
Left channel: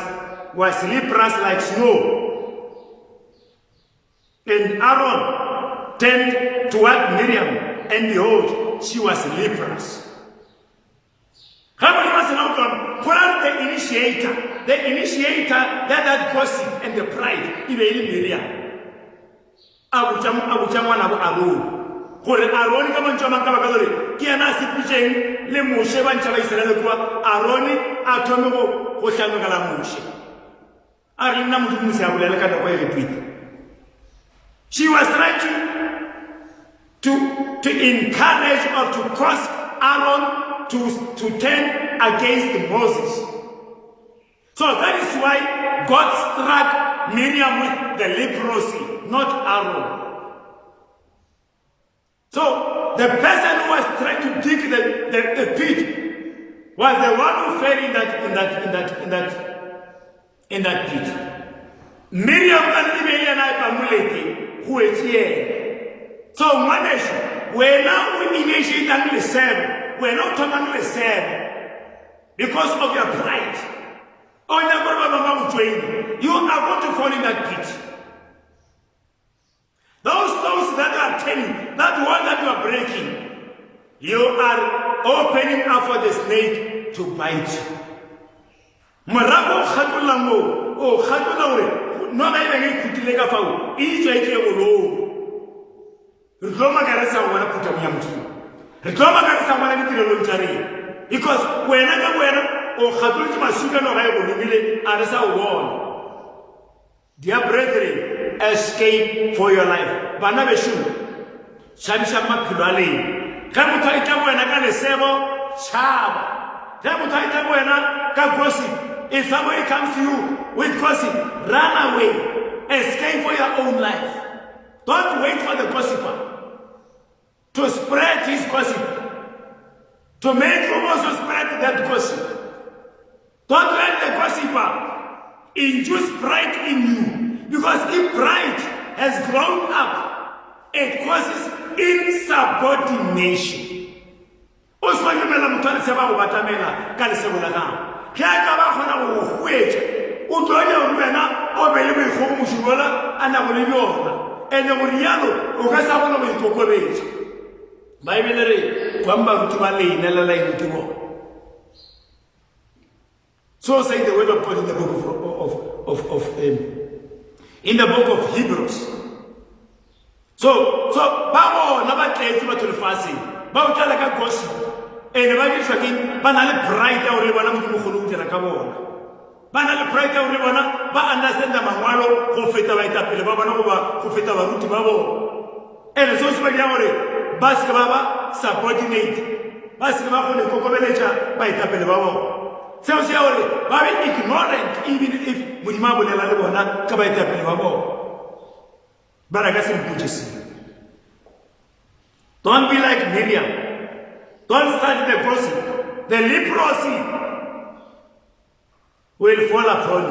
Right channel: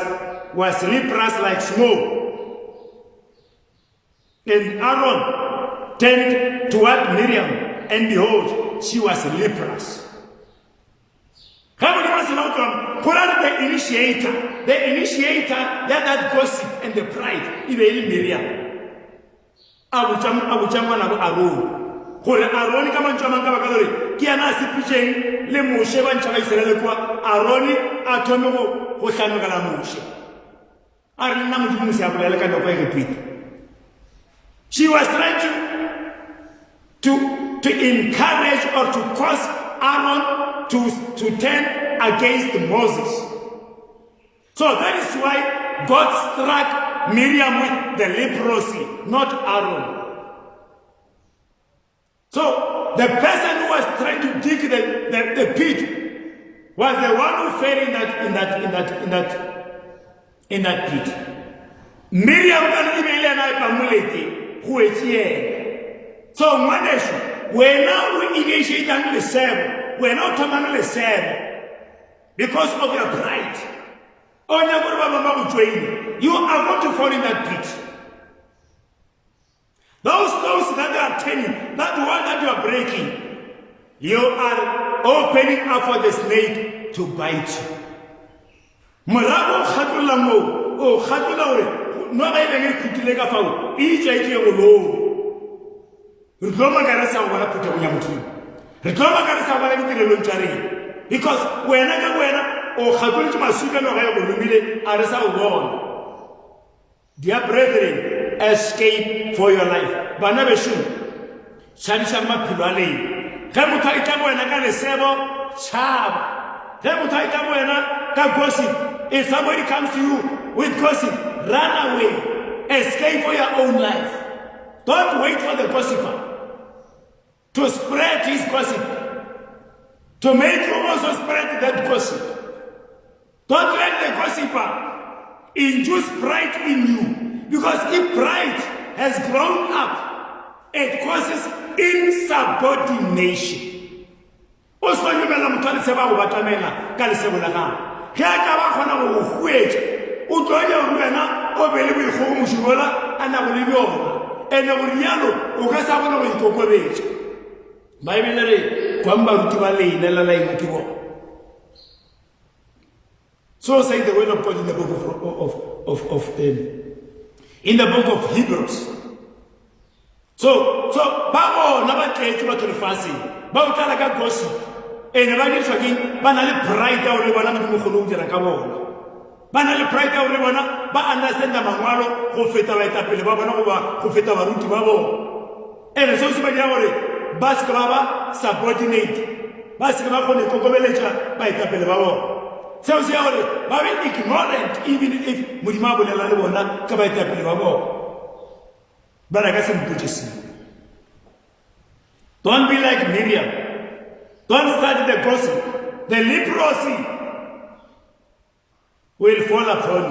leprous like snow. And Aaron turned toward Miriam, and behold, she was leprous. How many was not done? Put out the initiator that gossip and the pride, even Miriam. Abujaman Aaron. Hore Aaron kama njama kama kalori. Kiana sipuchen le Moshe banchama Israel kwa Aaron atomo hoshano kala Moshe. Aaron namu Moshe abulele kada kwa repeat. She was trying to encourage or to cause Aaron to turn against Moses. So that is why God struck Miriam with the leprosy, not Aaron. So the person who was trying to dig the pit was the one who fell in that pit. Miriam and I who is here. So we're now initiating the same. We're not talking the same because of your pride. You are going to fall in that pit. Those that are telling, that one that you are breaking, you are opening up for the snake to bite you. Marago khatulango, oh khatulango. No, I don't need to take a foul. Each I re tlo makaresa go bona phutong ya modimo re tlo makaresa go bona ditirelong tša rena because wena ka wena o kgatolotse masukano ga e go lomile a re sa go bona. Dear brethren, escape for your life. Bana besho tšhabiša maphelo a lena ge motho a itla go wena ka lesebo tšhaba ge motho a itla go wena ka gossip. If somebody comes to you with gossip, run away. Escape for your own life. Don't wait for the gossiper to spread his gossip, to make you also spread that gossip. Don't let the gossiper induce pride in you, because if pride has grown up, it causes insubordination. Also, you may not tell Seba Batamela, Calisabona. Here I come wait. Utoya Rena, Obelibi Home Shugola, and Abolino, and Aboliano, Ugasabana with Cocorage. My military, Kwamba Tumali, Nella Tibo. So say the word of God in the book in the book of Hebrews. So Bawo never take you to the fasting. Bawo talaga gossip. And the Bible says, "Banana pride or ribana mukulu de la kabona." Banana pride or ribana, ba understand the manualo go feta ba etapele ba bona go ba go feta ba ruti ba bo. And so se ba dia gore ba se ba subordinate. Ba se ba go le kokobeletša ba etapele ba bo. So say gore ba be ignorant even if modimo a bolela le bona ka ba etapele ba bo. Bana ka se mputšisi. Don't be like Miriam. Don't start the gossip. The leprosy will fall upon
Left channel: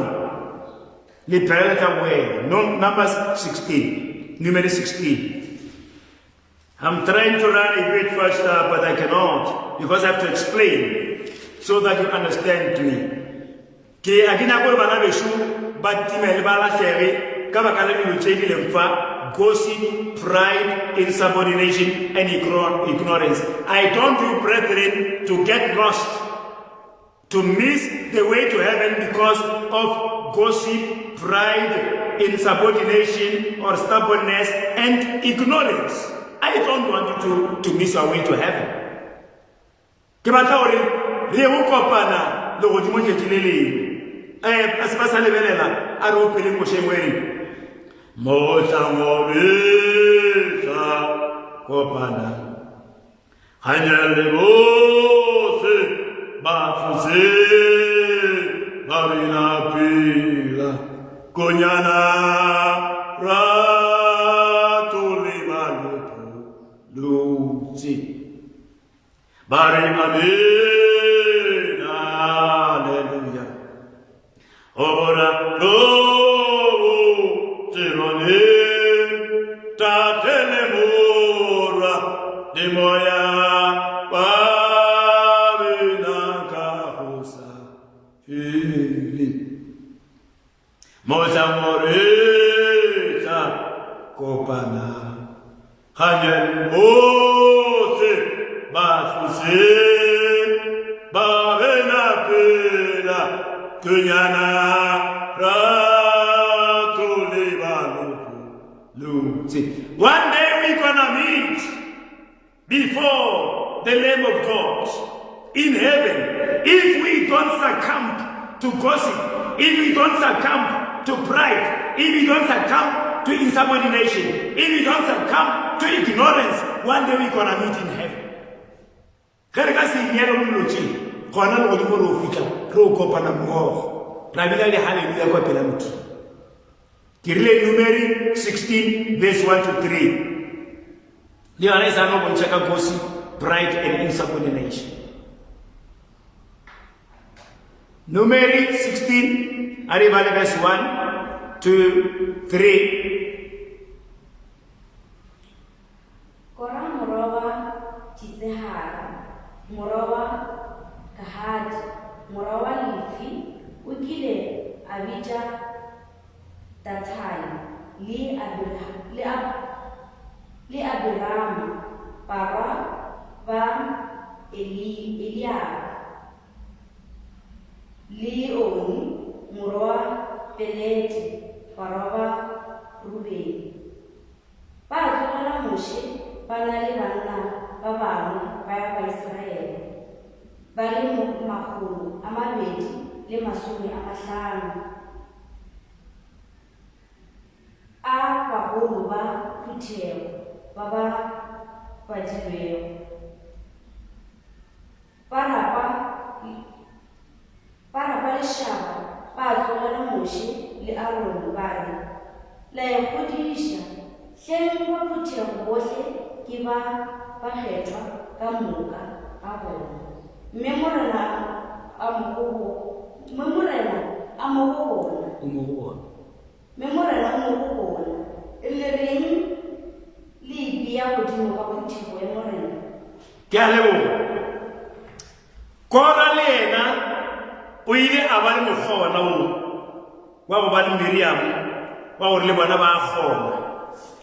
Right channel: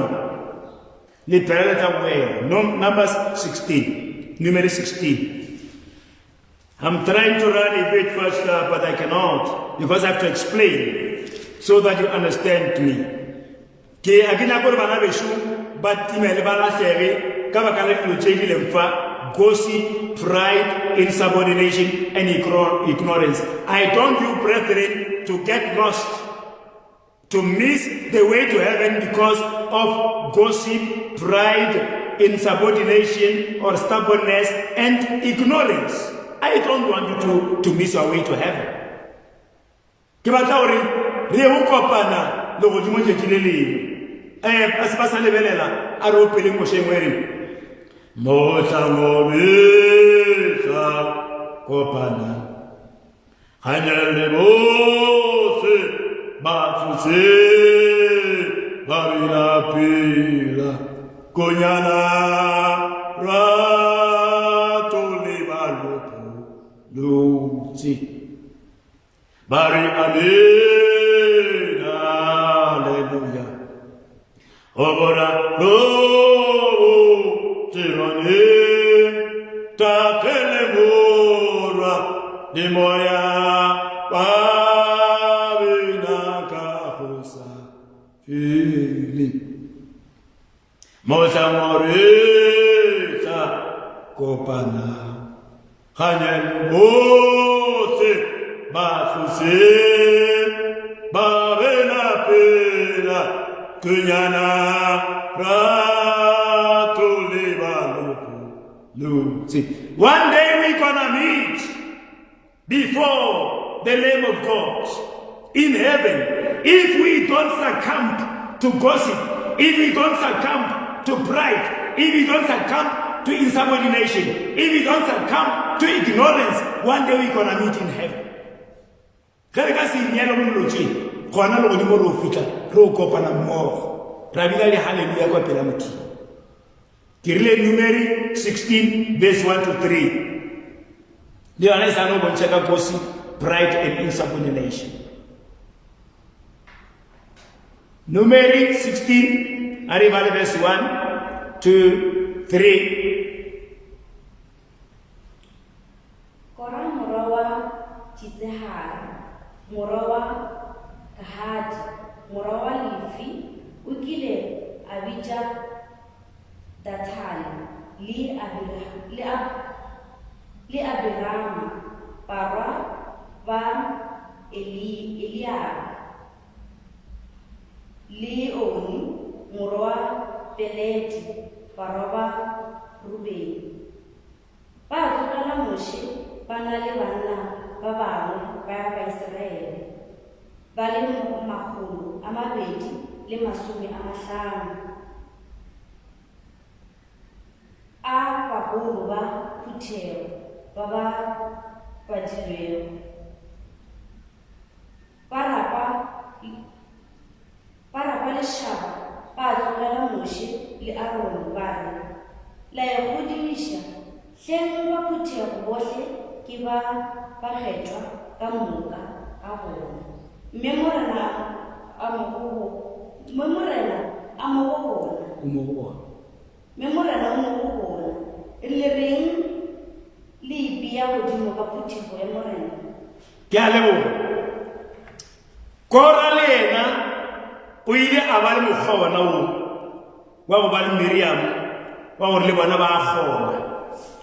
you. Numbers 16. Numbers 16. I'm trying to run a bit faster, but I cannot because I have to explain so that you understand me. Gossip, pride, insubordination, and ignorance. I told you, brethren, to get lost, to miss the way to heaven because of gossip, pride, insubordination, or stubbornness, and ignorance. I don't want you to miss our way to heaven. Mosangobisa kopana Hanyale bose bafuse barina pila Konyana ratuli balupu luci Bari amin hallelujah Ora Moya Babina Kahusa Mosa Morisa Kopana Hanyan Mose Bafuse Babina Pela Kunyana Ratuliba Luci. One day we're gonna meet before the Lamb of God in heaven. If we don't succumb to gossip, if we don't succumb to pride, if we don't succumb to insubordination, if we don't succumb to ignorance, one day we're gonna meet in heaven. Numeri 16 verse 1 to 3. The honest are not going to gossip, pride, and insubordination. Numeri 16, arriva verse 1 to 3. Kora morowa Chizehar, morowa Kahad, morowa Lifi, ukile Abija Datani, li Abirama, para van Eliab, li Oni, morowa Peleti, para Rubeni. Para moše ba na le banna ba bangwe ba ya Baiseraele ba le 250 a bagolo ba phuthego ba ba badilwego ba rapa lešhaba ba tlogela moše le Aarone ba re la e godiša hleng ba phuthego bohle ke ba kgethwa ka moka ga bona mme morena a mo go bona le reng le ipea godimo ka phuthego ya morena. Ke a leboga. Kora le yena o ile a ba le mokgwa wona wa go ba le Miriam wa gore le bona ba kgona.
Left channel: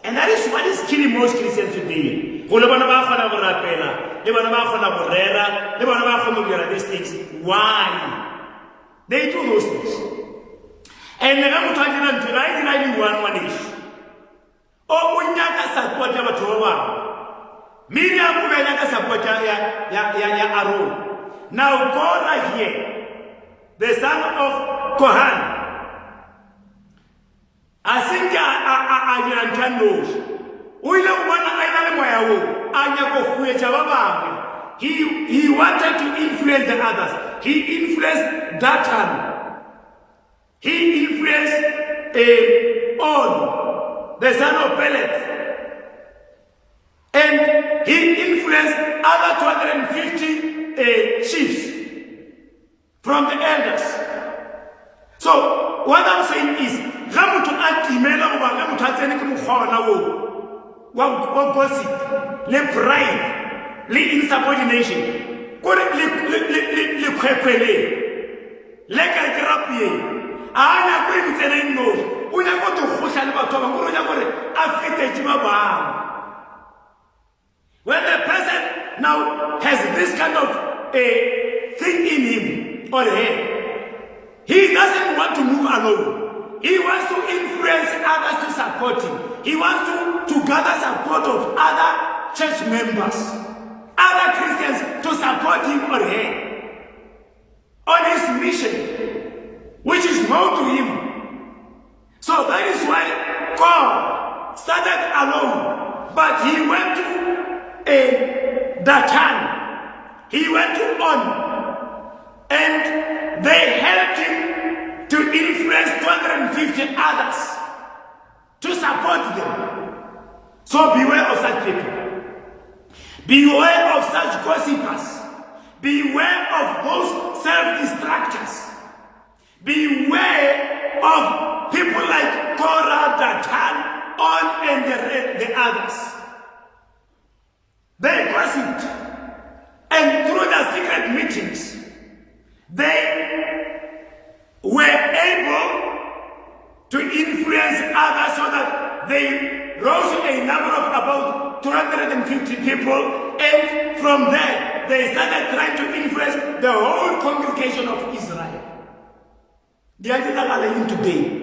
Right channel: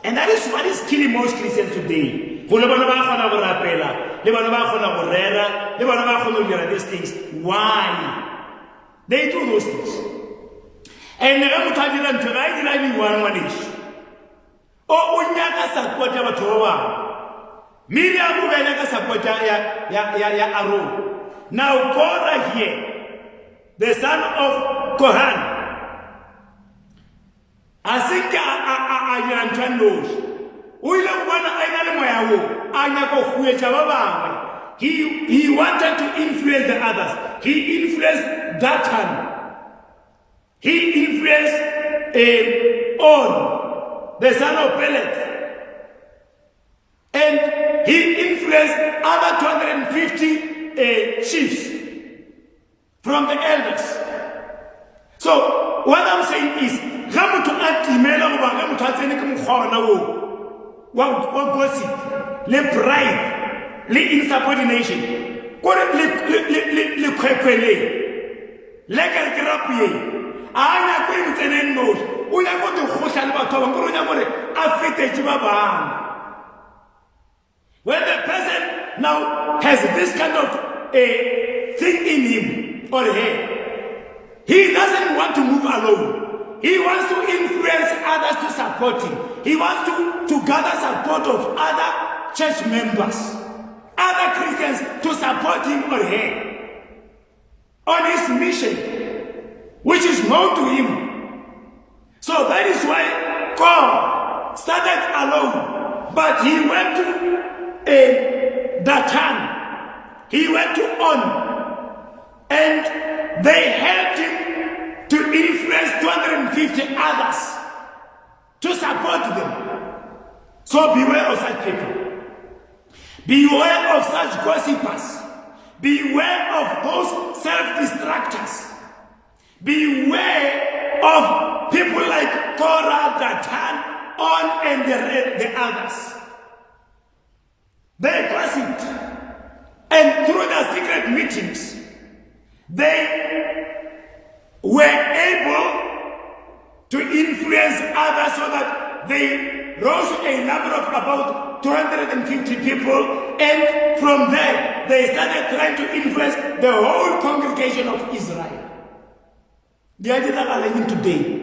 And that is what is killing most Christians today. Go le bona ba kgona go rapela, le bona ba kgona go rera, le bona ba kgona go dira these things. Why? They do those things. And ga motho a dira ntho ga e dira di-one ngwaneso. O nyaka support ya batho ba bangwe. Miriam o nyaka support ya Aaron. Now Korah here, the son of Kohan, asinga ayantandos. Uile mwana ainale moyawo anyako kuecha ba bangwe. He wanted to influence the others. He influenced Dathan. He influenced On, the son of Pelet. And he influenced other 250 chiefs from the elders. So what I'm saying is, gossip, le pride, le insubordination, le kwepele, le kalkrapie, ana ko imtseleng no, o ya go go khosha le batho ba go ya gore affect ba bang. When the person now has this kind of thing in him or her, he doesn't want to move alone. He wants to influence others to support him. He wants to gather support of other church members, other Christians to support him or her on his mission, which is known to him. So that is why God started alone, but he went to Dathan, he went to On, and they helped him to influence 250 others to support them. So beware of such people. Beware of such gossipers. Beware of those self-destructors. Beware of people like Korah, Dathan, On, and the others. They gossiped, and through the secret meetings, they were able to influence others so that they rose to a number of about 250 people, and from there they started trying to influence the whole congregation of Israel. They are even today.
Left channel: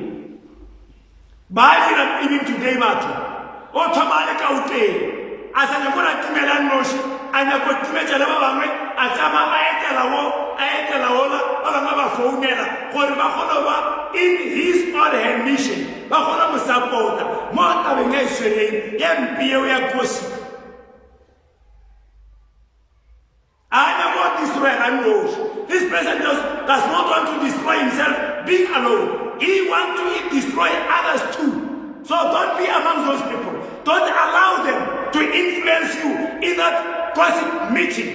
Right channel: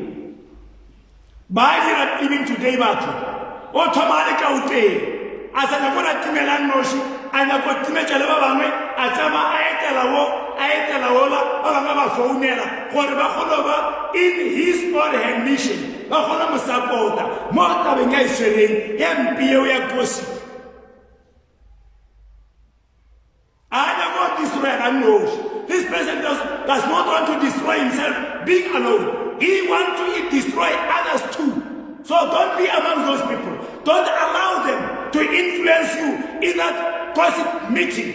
Even today, as I go to Timelan Moshi, I go to Metalabame, Atama in his or her mission. This person does not want to destroy himself being alone. He wants to destroy others too. So don't be among those people. Don't allow them to influence you in that gossip meeting.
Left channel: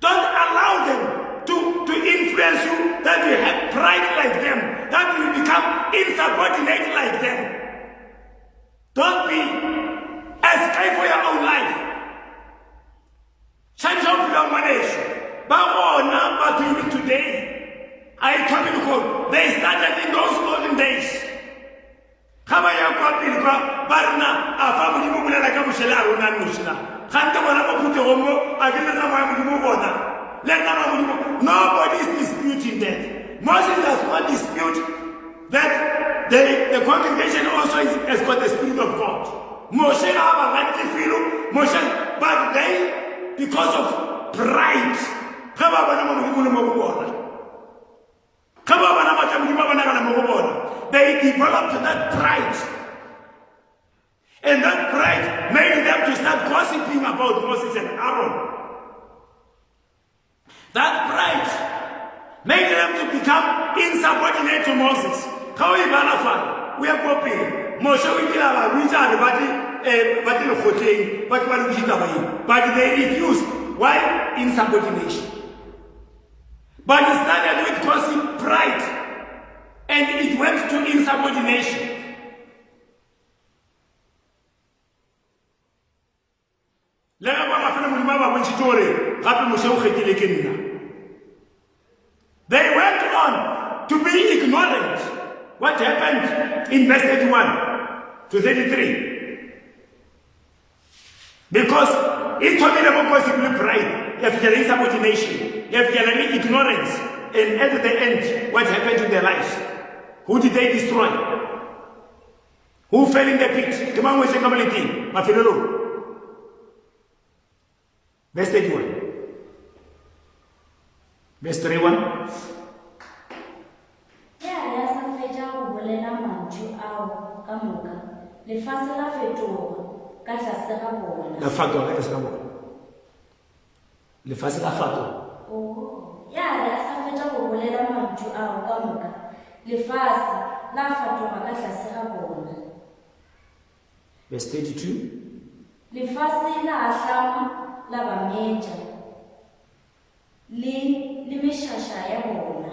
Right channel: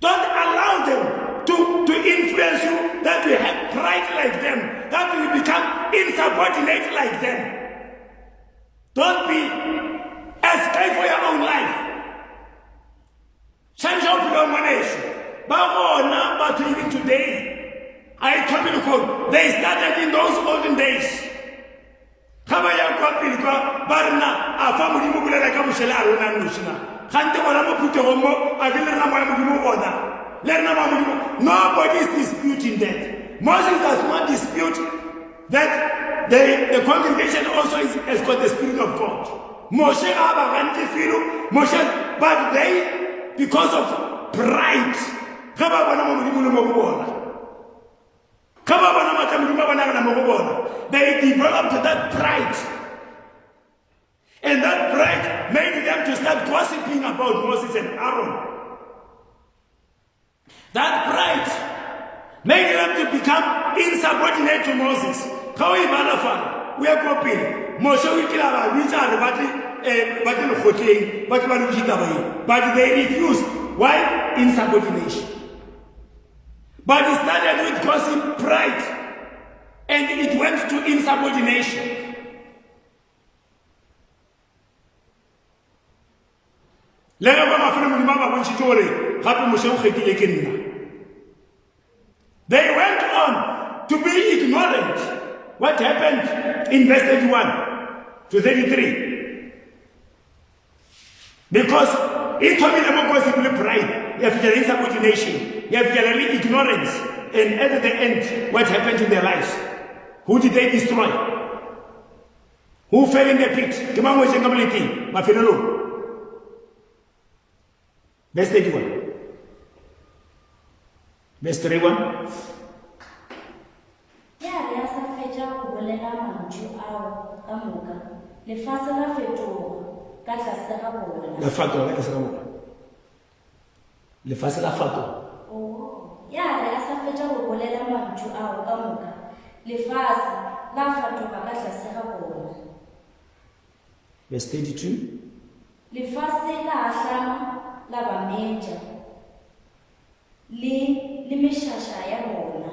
Don't allow them to influence you that you have pride like them, that you become insubordinate like them. Don't be escape for your own life. Change of your manage. But even today, I come in home. They started in those olden days. Kama ya kwa pilika barna afamu kimukulela kamushela aruna nushina. Khante bona maputo homo adina na mwa mugumo bona. Lena mwa mugumo. Nobody is disputing that. Moses does not dispute that the congregation also has got the Spirit of God. Moshe abaganti filo, Moshe, but they, because of pride, they developed that pride. And that pride made them to start gossiping about Moses and Aaron. That pride made them to become insubordinate to Moses. How we are copying. Moshe but they refused. Why? Insubordination. But it started with gossip, pride, and it went to insubordination. They went on to be ignorant. What happened in verse 31 to 33? Because it told me about possibly pride, you have to insubordination, you have to ignorance, and at the end, what happened in their lives? Who did they destroy? Who fell in the pit? Verse 31. Verse 31. Verse 32. La bameja le meshasha ya bona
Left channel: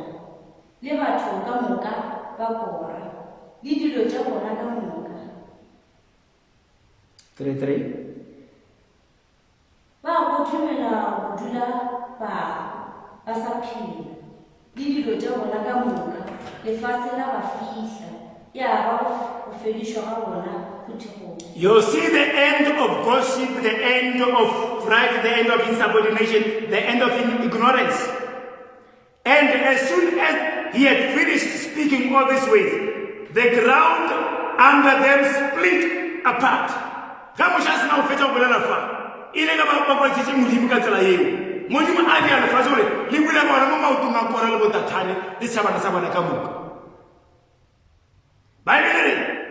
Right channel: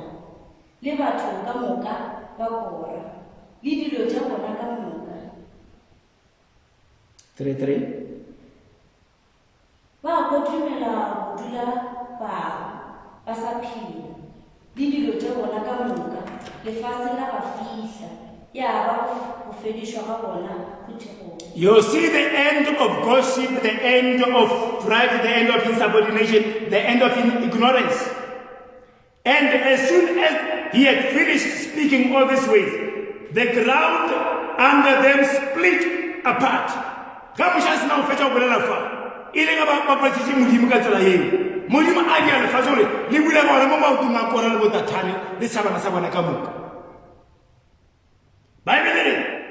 le batho ka moka ba kora le dilo tša bona ka moka 33 ba go dumela go dula ba sa phela le dilo tša bona ka moka lefase la ba fihla ya ba go fedishwa ga bona. You see the end of gossip, the end of pride, the end of insubordination, the end of ignorance. And as soon as he had finished speaking all this ways, the ground under them split apart.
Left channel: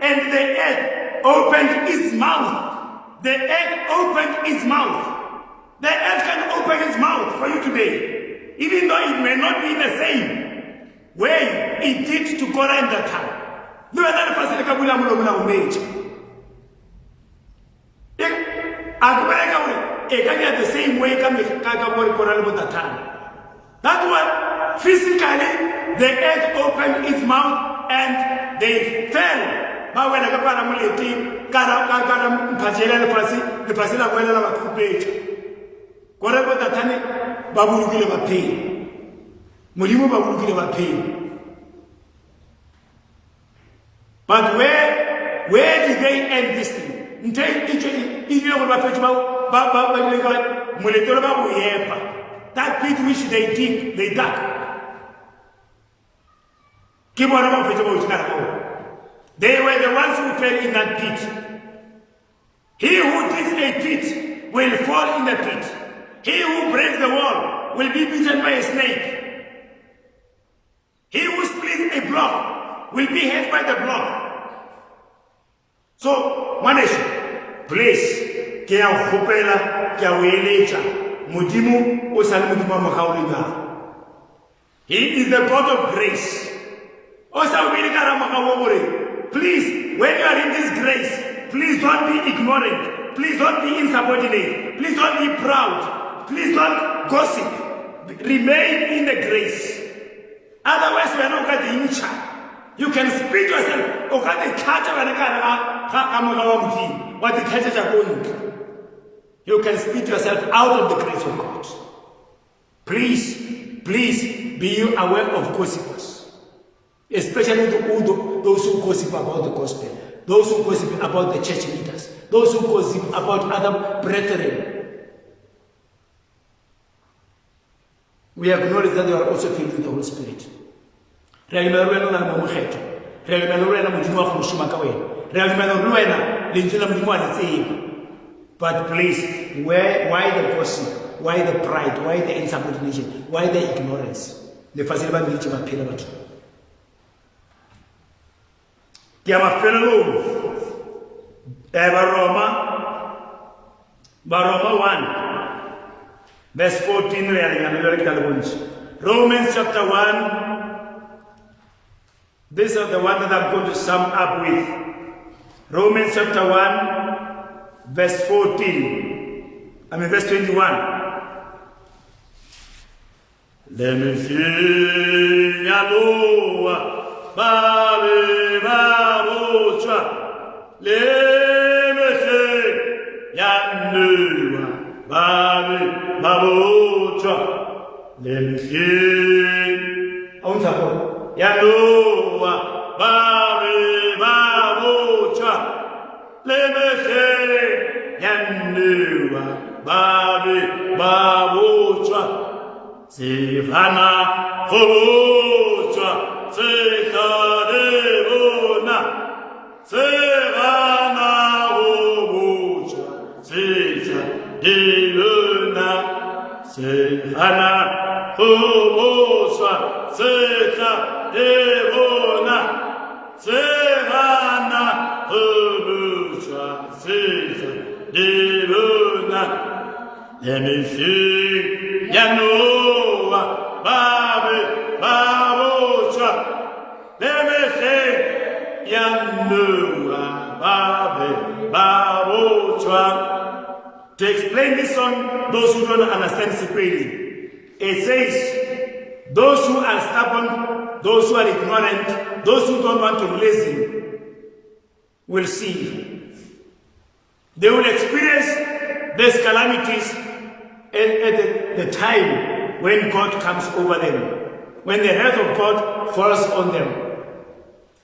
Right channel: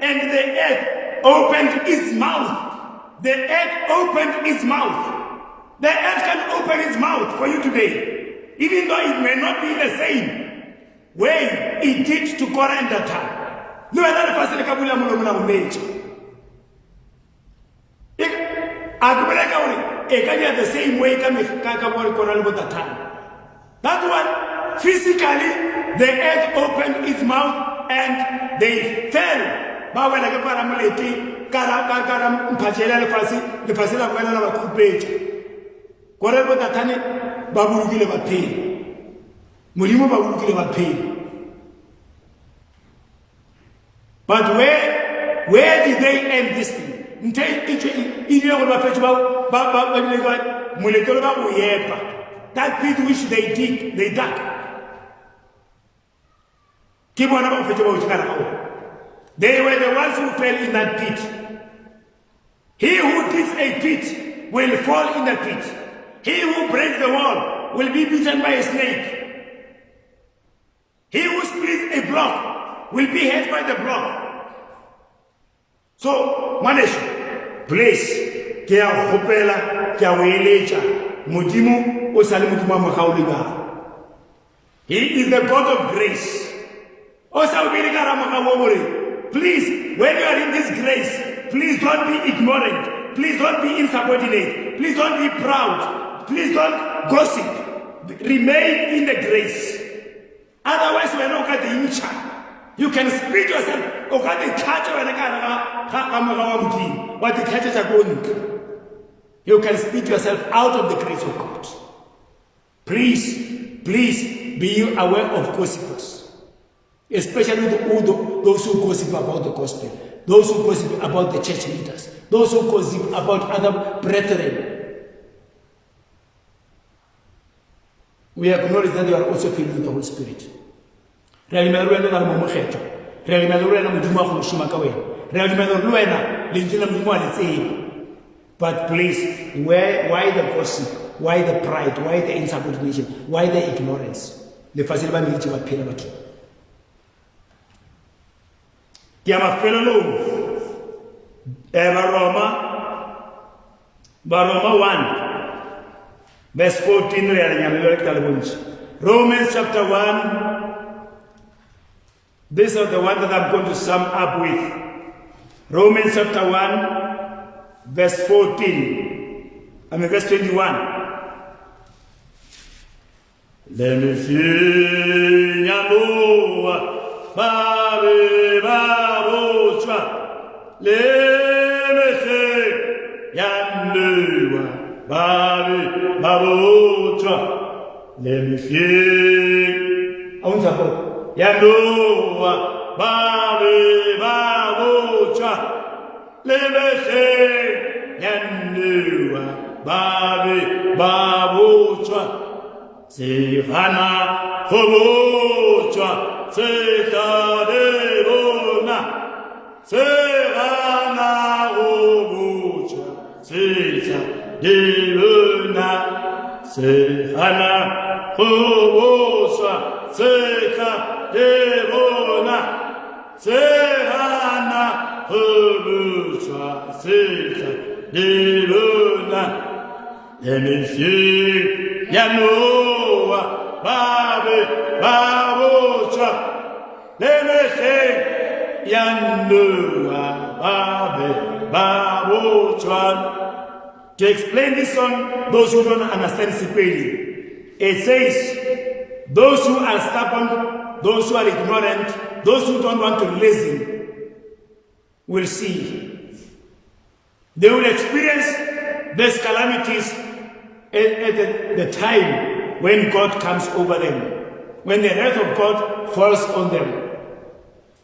And the earth opened its mouth. The earth opened its mouth. The earth can open its mouth for you today, even though it may not be the same way it did to Korah in that time. No other person can be the same way can that time. That one, physically, the earth opened its mouth and they fell. Bawe la kwa muleti kara mpachela le fasi la kwela la kupetsa gore bo tatane ba bulukile ba phela molimo ba bulukile ba phela. But where did they end this thing? Until it go ba fetsa ba le ka monetolo ba go yepa that pit which they dug ke bona ba fetsa ba o tsara. They were the ones who fell in that pit. He who digs a pit will fall in the pit. He who breaks the wall will be beaten by a snake. He who splits a block will be hit by the block. So, Manesh, please, ke a gopela, ke a weletša, Modimo o sa le Modimo wa mogaodi ba. He is the God of grace. O sa o bile ka ra mogao gore, please, when you are in this grace, please don't be ignorant. Please don't be insubordinate. Please don't be proud. Please don't gossip. Remain in the grace. Otherwise, we are not going to incha. You can speak yourself. What the churches are going to. You can speak yourself out of the grace of God. Please, be you aware of gossipers. Especially those who gossip about the gospel, those who gossip about the church leaders, those who gossip about other brethren. We acknowledge that they are also filled with the Holy Spirit. lentswe la Modimo a le tseba. But please, why the gossip? Why the pride? Why the insubordination? Why the ignorance? Le fasile ba meditse ba phela batho. Ke a mafelelong. Roma 1 verse 14 re a lenyamelo ka le bontshe. Romans chapter 1. These are the one that I'm going to sum up with. Romans chapter 1 verse 14. Verse 21. Let me see Yanoa Babe Babocha. Let me see Yanoa Babe Babocha. Let me see Yanoa Babe Babocha. Let me see Yanoa Babe Babocha. Sehana Hobocha, Sekadebona, Sehana Hobocha, Sekadebona, Sehana Hobocha, Sekadebona, Sehana Hobocha, Sekadebona. Let me see Yanoa Babe Babocha. Let me see Yanoa Babe Babocha. To explain this song, those who don't understand Sipeli, it says, those who are stubborn, those who are ignorant, those who don't want to listen, will see. They will experience these calamities at the time when God comes over them, when the wrath of God falls on them.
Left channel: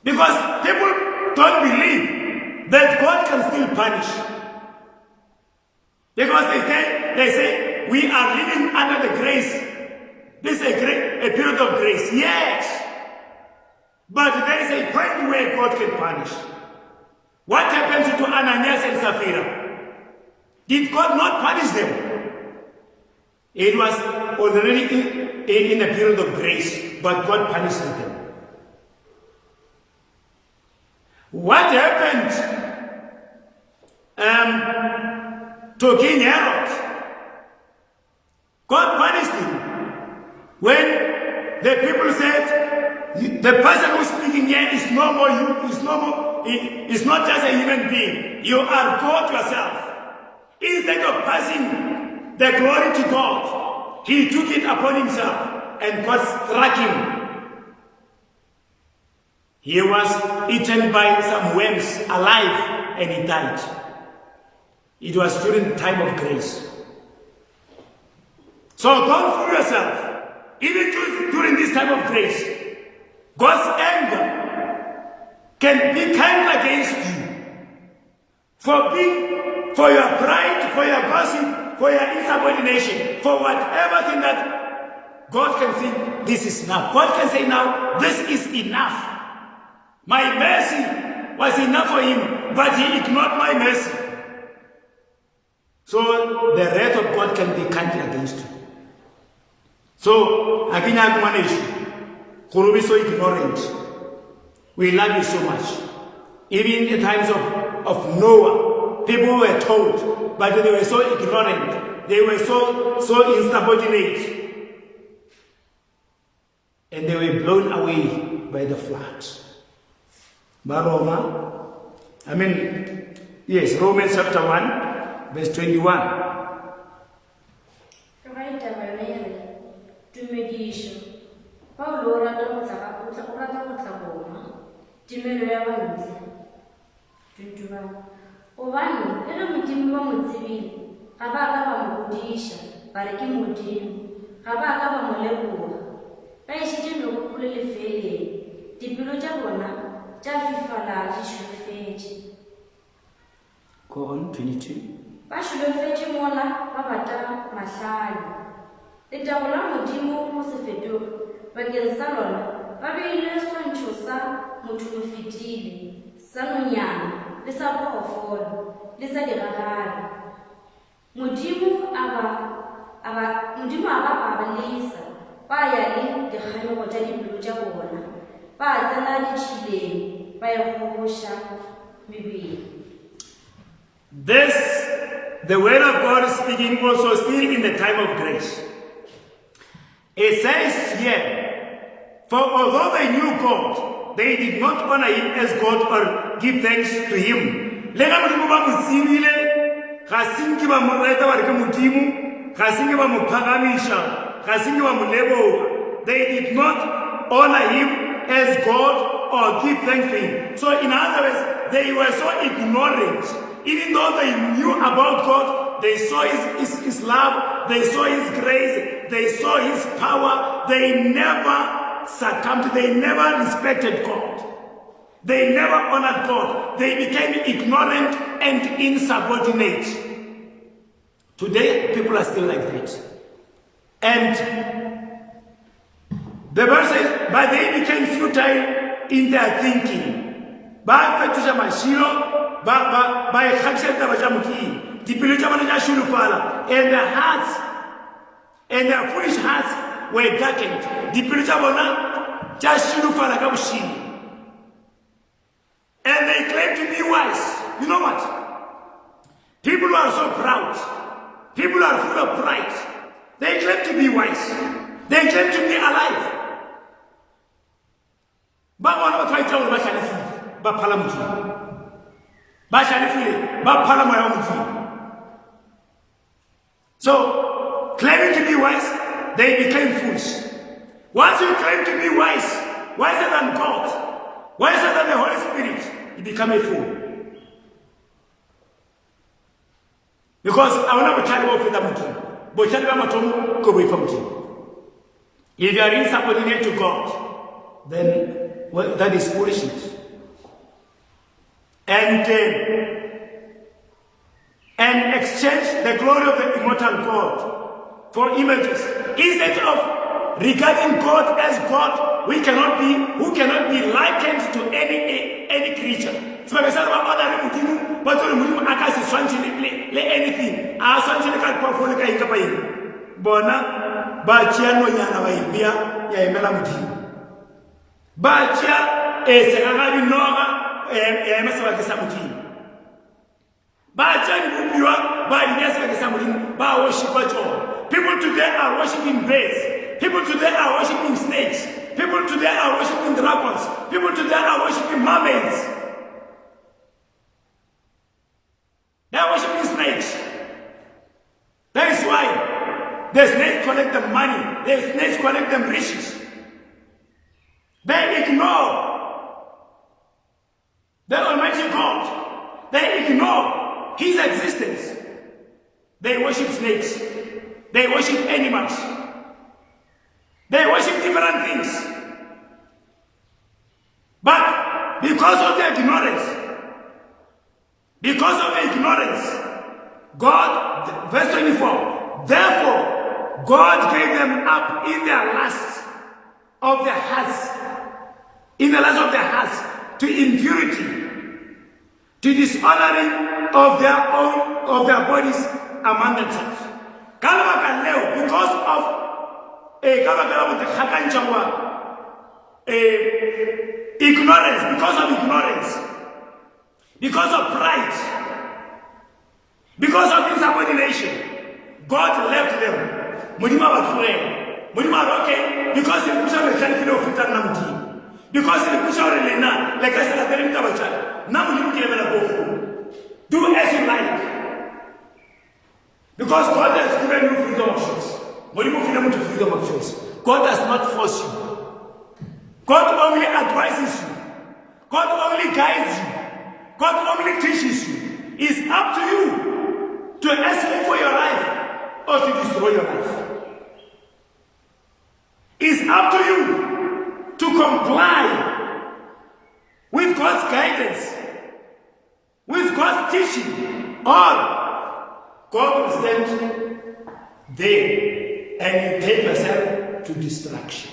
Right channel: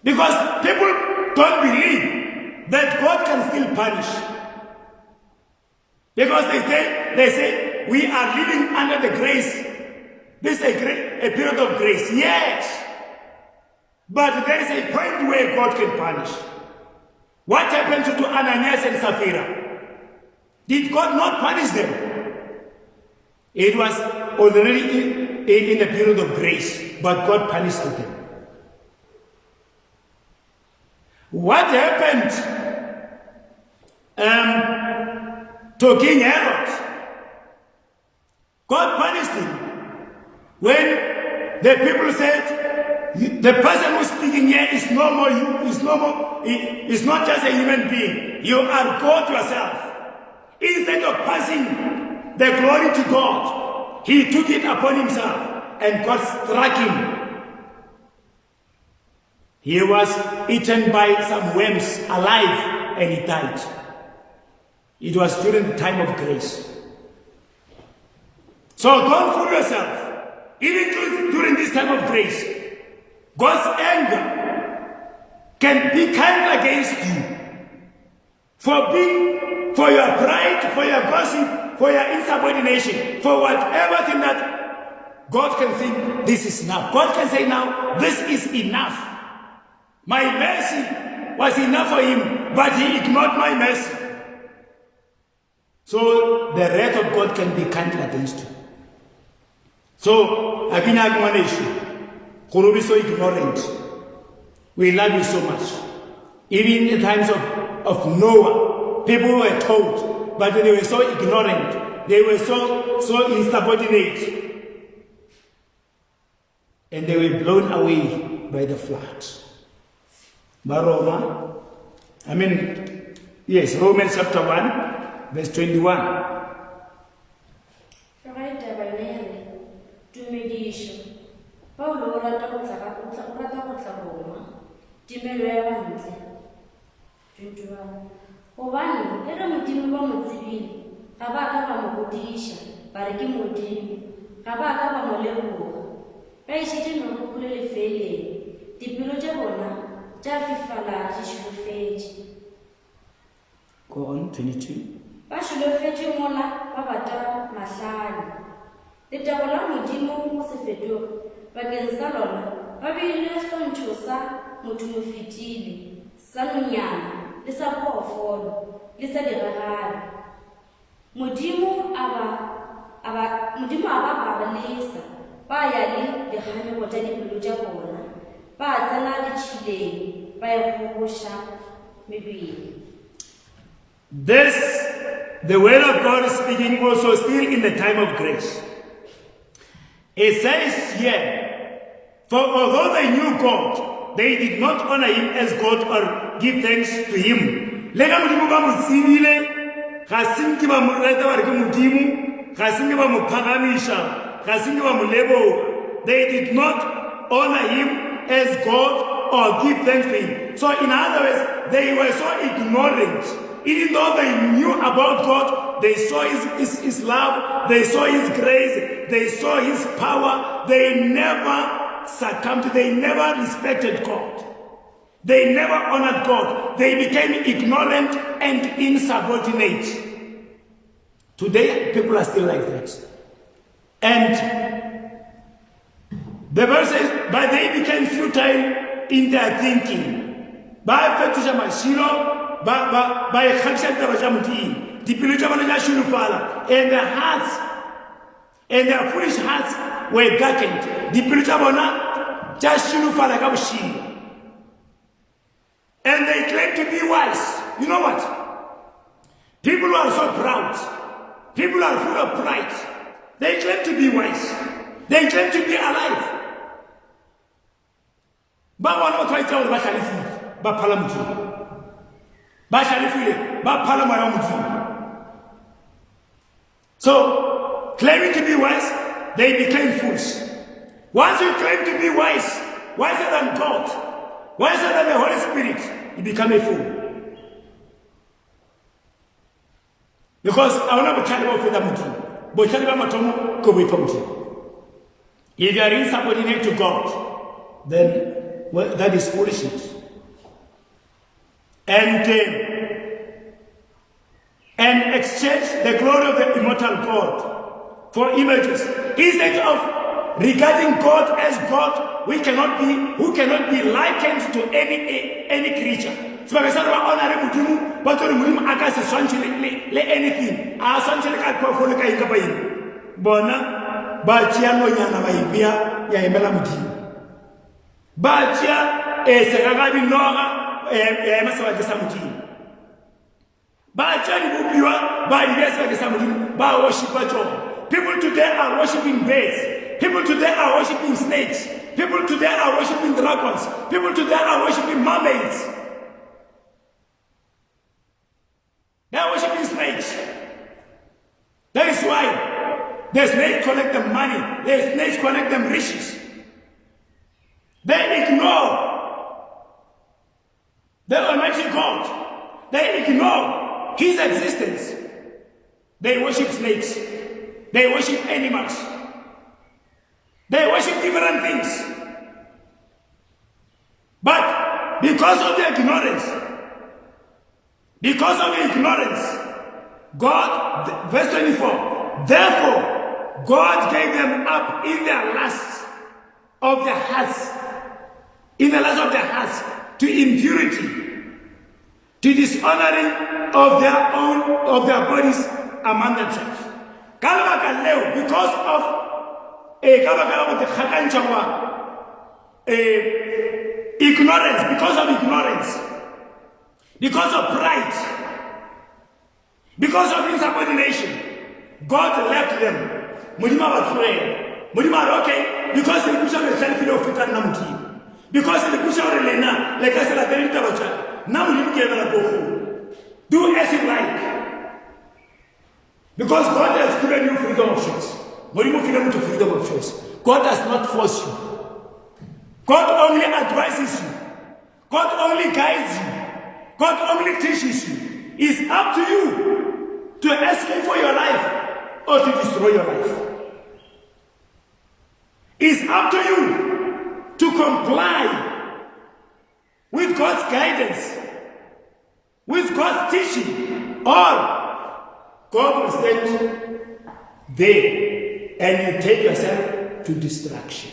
Because people don't believe that God can still punish. Because they say we are living under the grace. This is a period of grace. Yes. But there is a point where God can punish. What happened to Ananias and Sapphira? Did God not punish them? It was already in a period of grace, but God punished them. What happened to King Herod? God punished him when the people said, the person who's speaking here is is not just a human being. You are God yourself. Instead of passing the glory to God, he took it upon himself and God struck him. He was eaten by some worms alive and he died. It was during the time of grace. So don't fool yourself. Even during this time of grace, God's anger can be kind against you for your pride, for your gossip, for your insubordination, for whatever thing that God can think this is enough. God can say now, this is enough. My mercy was enough for him, but he ignored my mercy. So the wrath of God can be kind against you. So again, I admonish you, who be so ignorant. We love you so much. Even in the times of Noah, people were told, but they were so ignorant, they were so insubordinate, and they were blown away by the flood. Romans chapter 1, verse 21. Obani, ero Modimo ba mo tsebile, ga ba ka ba mo godisha, ba re ke Modimo, ga ba ka ba mo leboga. Ba ishitse megopolo lefeleng, dipelo tša bona tša fifala di šolofetše. Go on, 22. Ba šolofetše mola ba bata mahlale. Letago la Modimo mo se fetoge, bakeng sa lona ba beile swantšho sa motho mo fetile, sa nonyana le sa phoofolo le sa diragalo. Modimo a ba lesa, ba ya le dikganyego tša dipelo tša bona, ba tsena ditšhileng, ba ya gogoša mebele. This, the word of God is speaking also still in the time of grace. It says here, for although they knew God, they did not honor him as God or give thanks to him. Lega modimo ba mo tsebile, ga senke ba mo reta ba re ke modimo, ga senke ba mo phagamisha, ga senke ba mo leboga. They did not honor him as God or give thanks to him. So in other words, they were so ignorant. Even though they knew about God, they saw his love, they saw his grace, they saw his power, they never succumbed, they never respected God. They never honored God. They became ignorant and insubordinate. Today, people are still like that. And the verse says, but they became futile in their thinking. Ba fetisha mashilo, ba ekhatisa taba tša Modimo. Dipelo tša bona tša šilofala, and their hearts, and their foolish hearts were darkened. Dipelo tša bona tša šilofala ka bošilo. And they claim to be wise. You know what? People who are so proud, people who are full of pride, they claim to be wise. They claim to be alive. Ba bona ba tšwa gore ba šalefile, ba phala Modimo. Ba šalefile, ba phala moya wa Modimo. So, claiming to be wise, they became fools. Once you claim to be wise, wiser than God, wiser than the Holy Spirit, you become a fool. Because I want to tell you about Modimo. But tell you about Modimo, go away from Modimo. If you are insubordinate to God, then that is foolishness. And exchange the glory of the immortal God for images. Instead of regarding God as God, who cannot be likened to any creature. So when I say honor Modimo, but Modimo aka se swantse le anything. A swantse le ka phoofolo ka eng kapa eng. Bona ba tšea nonyana ba e beya ya emela Modimo. Ba tšea segagabi noga ya ema sebaka sa Modimo. Ba tšea dibopiwa ba e beya sebaka sa Modimo, ba worshipa tšona. People today are worshiping birds. People today are worshiping snakes. People today are worshiping dragons. People today are worshiping mermaids. They are worshiping snakes. That is why the snakes collect the money. The snakes collect the riches. They ignore the Almighty God. They ignore His existence. They worship snakes. They worship animals. They worship different things. But because of their ignorance, God, verse 24, therefore God gave them up in their lust of their hearts, to impurity, to dishonoring of their bodies among themselves. Because of ignorance, because of pride, because of insubordination, God left them. Okay, because they push on the country of Futan, because they push on the Lena, like I said, I tell now you can go do as you like. Because God has given you freedom of choice. When you freedom to freedom of choice, God does not force you. God only advises you. God only guides you. God only teaches you. It's up to you to escape for your life or to destroy your life. It's up to you to comply with God's guidance, with God's teaching, or God will stand there and you take yourself to destruction.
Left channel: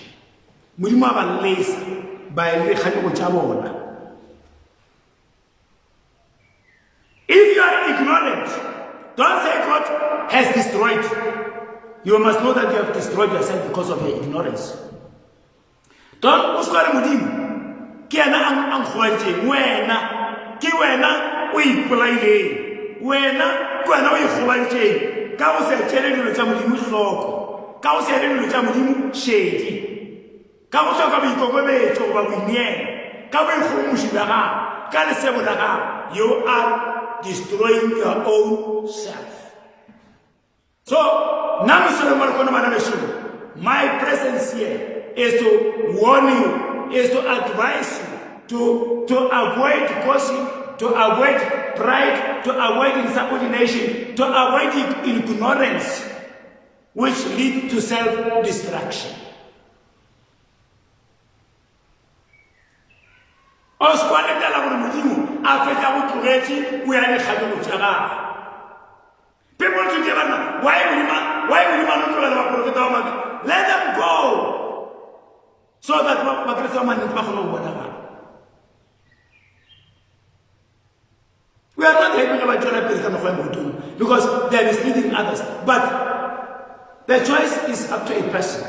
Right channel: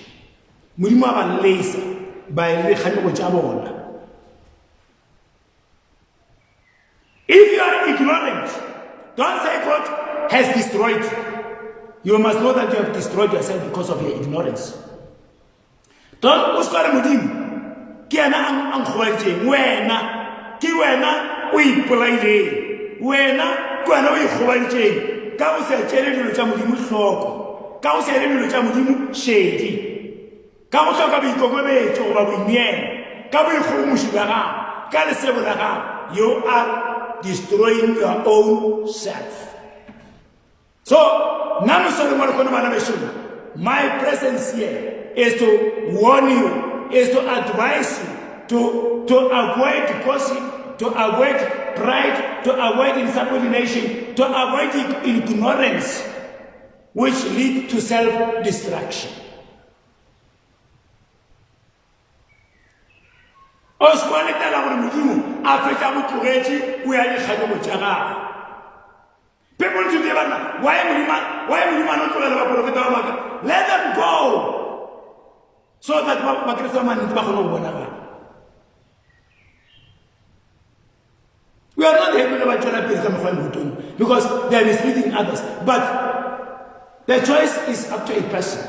Modimo a ba lesa ba ile kganyego tša bona. destroyed, you must know that you have destroyed yourself because of your ignorance. Don't uskare modimo ke yena ang khwaitse wena ke wena o ipolaile wena ke wena o ikgwaitse ka o se tshele dilo tsa modimo hloko ka o se dilo tsa modimo shedi ka go hloka boikokobetso goba boineelo ka boikgomoši la gago ka lesego la gago. You are destroying your own self. So now my presence here is to warn you, is to advise you to avoid gossip, to avoid pride, to avoid insubordination, to avoid ignorance, which lead to self-destruction. People today, why will you not let them go? So that we are not helping about therapy because they are misleading others. But the choice is up to a person.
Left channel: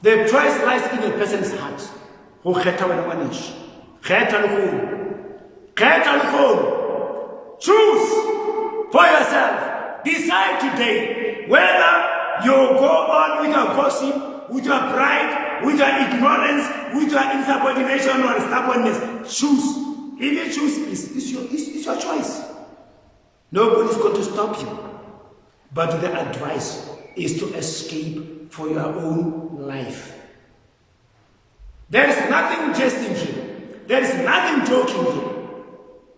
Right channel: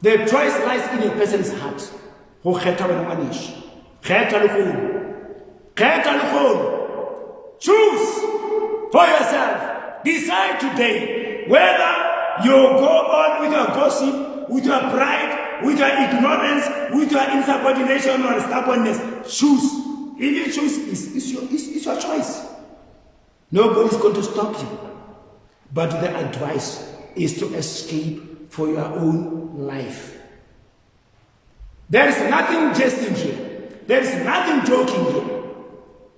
The choice lies in a person's heart. Choose for yourself. Decide today whether you go on with your gossip, with your pride, with your ignorance, with your insubordination or stubbornness. Choose. If you choose, it's your choice. Nobody is going to stop you. But the advice is to escape for your own life. There is nothing jesting here. There is nothing joking here.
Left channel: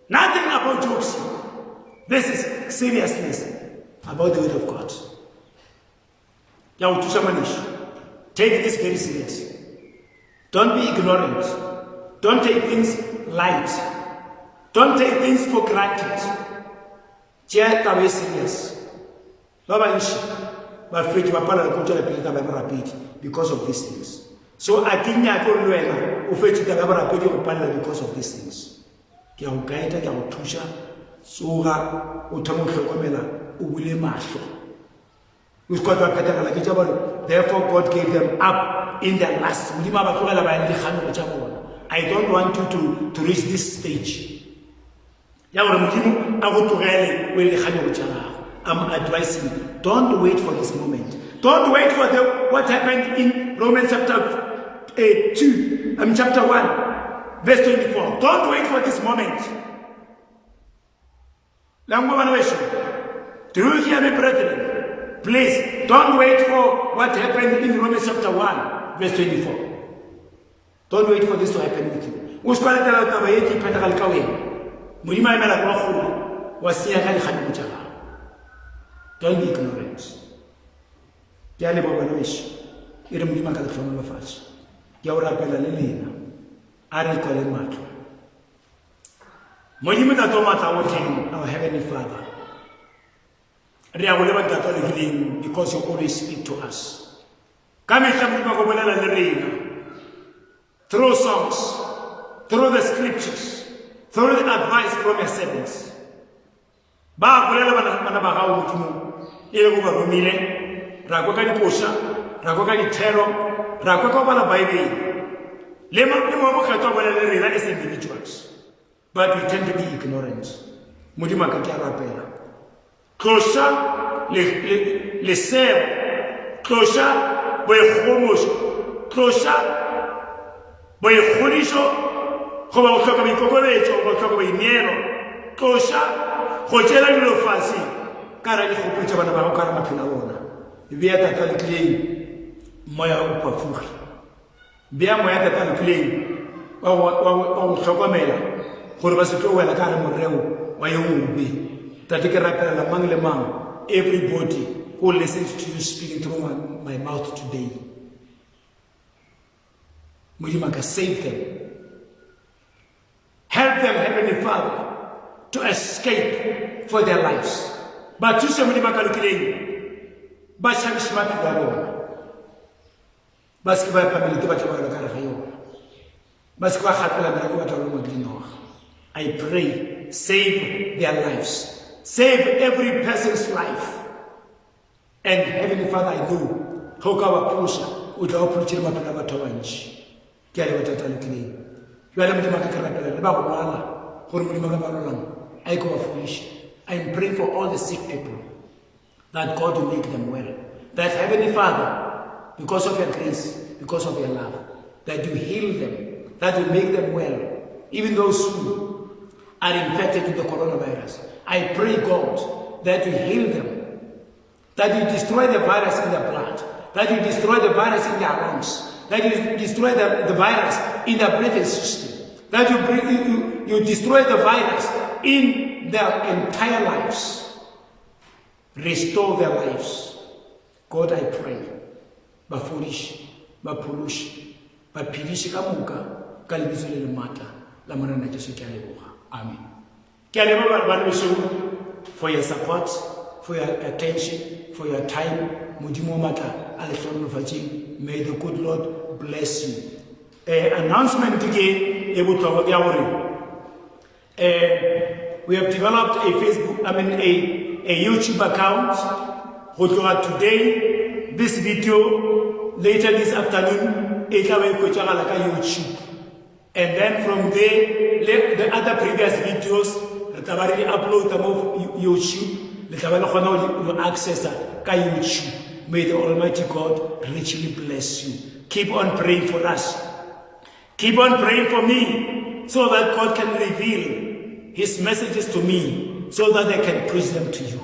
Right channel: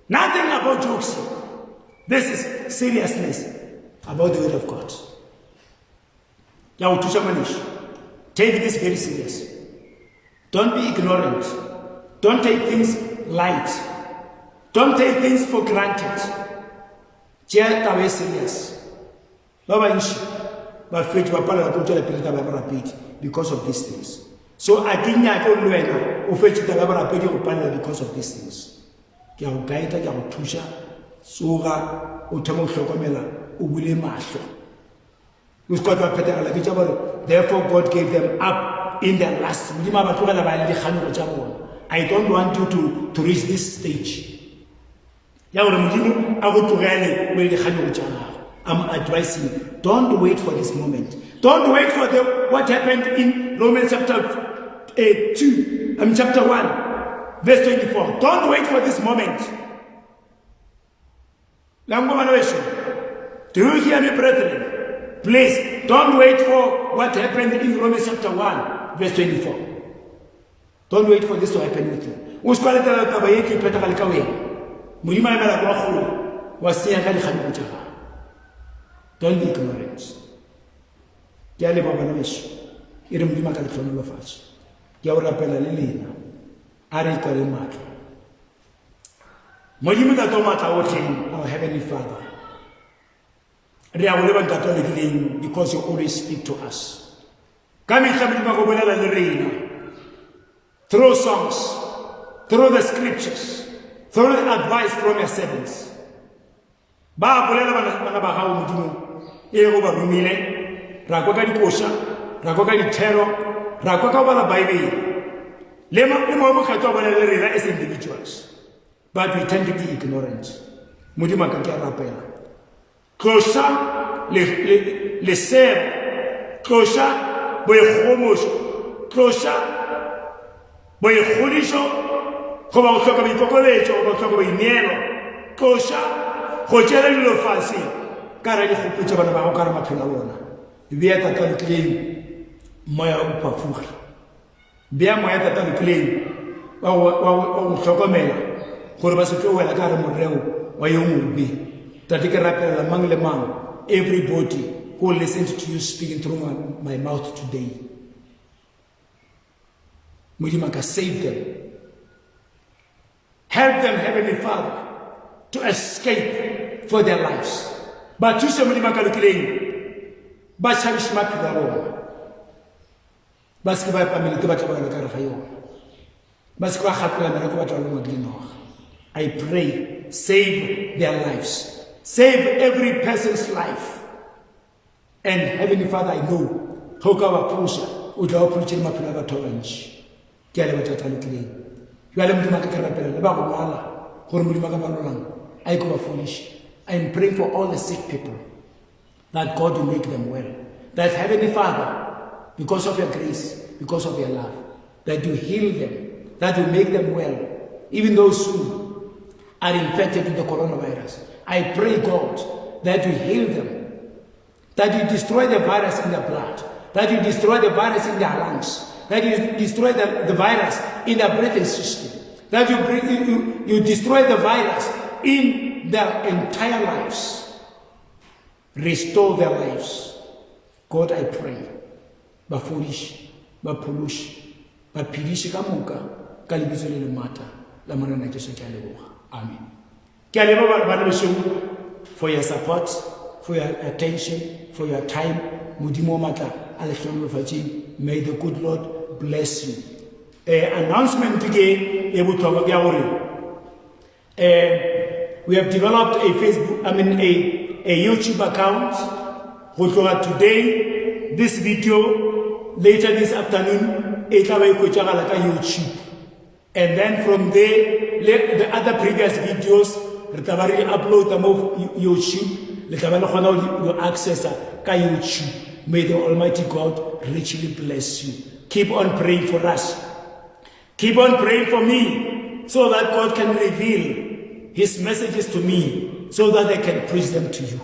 Nothing about jokes here. This is seriousness about the word of God. Take this very serious. Don't be ignorant. Don't take things light. Don't take things for granted. Just away serious. Because of these things. So I think I don't know because of these things. Soga utamo hlokomela o bule mahlo. Therefore God gave them up in their last. I don't want you to reach this stage. I'm advising, don't wait for this moment. Don't wait for what happened in Romans chapter 2, chapter 1, verse 24. Don't wait for this moment. Do you hear me, brethren? Please, don't wait for what happened in Romans chapter 1, verse 24. Don't wait for this to happen with you. Don't be ignorant. Our Heavenly Father, because you always speak to us. Through songs, through the scriptures, through the advice from your servants. As individuals. But we tend to be ignorant. Closer, le ser, closer, boy closer, boy holisho, como toca mi cocolecho, como toca mi niero, closer, hojera y lo fácil, cara y hopucha para bajo cara máquina bona. Vieta tan clean, moya upafuja. Via moya tan clean, o chocomela. Every everybody who listens to you speaking through my mouth today, save them. Help them, Heavenly Father, to escape for their lives. But you somebody but shall smack their own. Basketball family to Basketball I pray, save their lives. Save every person's life. And Heavenly Father, I know, hoka wa pusha, uja wa puchiri mapina batowa nchi. Kiale wa tatalukile. Yuale mdima kakarapele, leba wa wala, kuru mdima kamarunang, aiko wa fulishi. I'm praying for all the sick people, that God will make them well. That Heavenly Father, because of your grace, because of your love, that you heal them, that you make them well, even those who are infected with the coronavirus. I pray, God, that you heal them, that you destroy the virus in their blood, that you destroy the virus in their lungs, that you destroy the virus in their breathing system, that you destroy the virus in their entire lives. Restore their lives. God, I pray. Bafurish, bapulush, bapirish kamuka, kalibizule lumata, lamarana Jesu kyaleboha. Amen. Kyaleboha for your support, for your attention, for your time. Mudimo mata aleshonu fachi. May the good Lord bless you. Announcement again. We have developed a Facebook, a YouTube account. Today, this video, later this afternoon, YouTube. And then from there, the other previous videos, we upload them of YouTube. You access YouTube. May the Almighty God richly bless you. Keep on praying for us. Keep on praying for me, so that God can reveal His messages to me, so that I can preach them to you.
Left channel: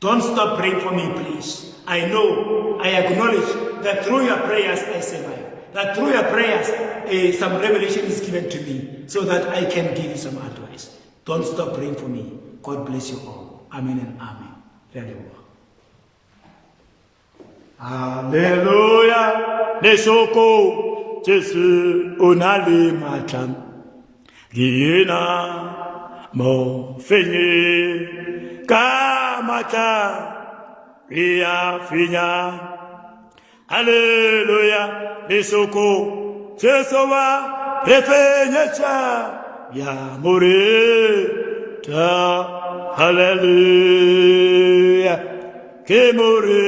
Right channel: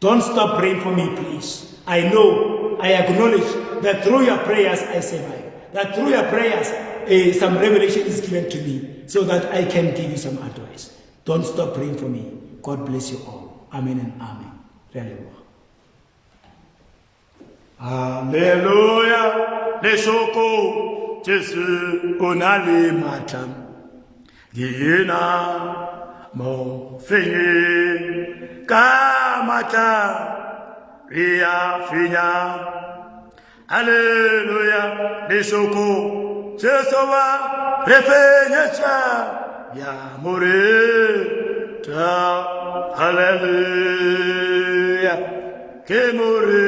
Don't stop praying for me, please. I know, I acknowledge that through your prayers I survive. That through your prayers, some revelation is given to me, so that I can give you some advice. Don't stop praying for me. God bless you all. Amen and amen. Hallelujah. Lesoko Jesu onale matam. Giena mo fenye kamata ria finya. Hallelujah. Lesoko Jesu wa refenyecha ya more ta. Hallelujah. Ke more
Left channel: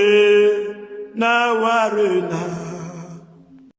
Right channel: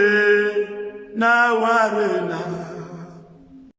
na warena.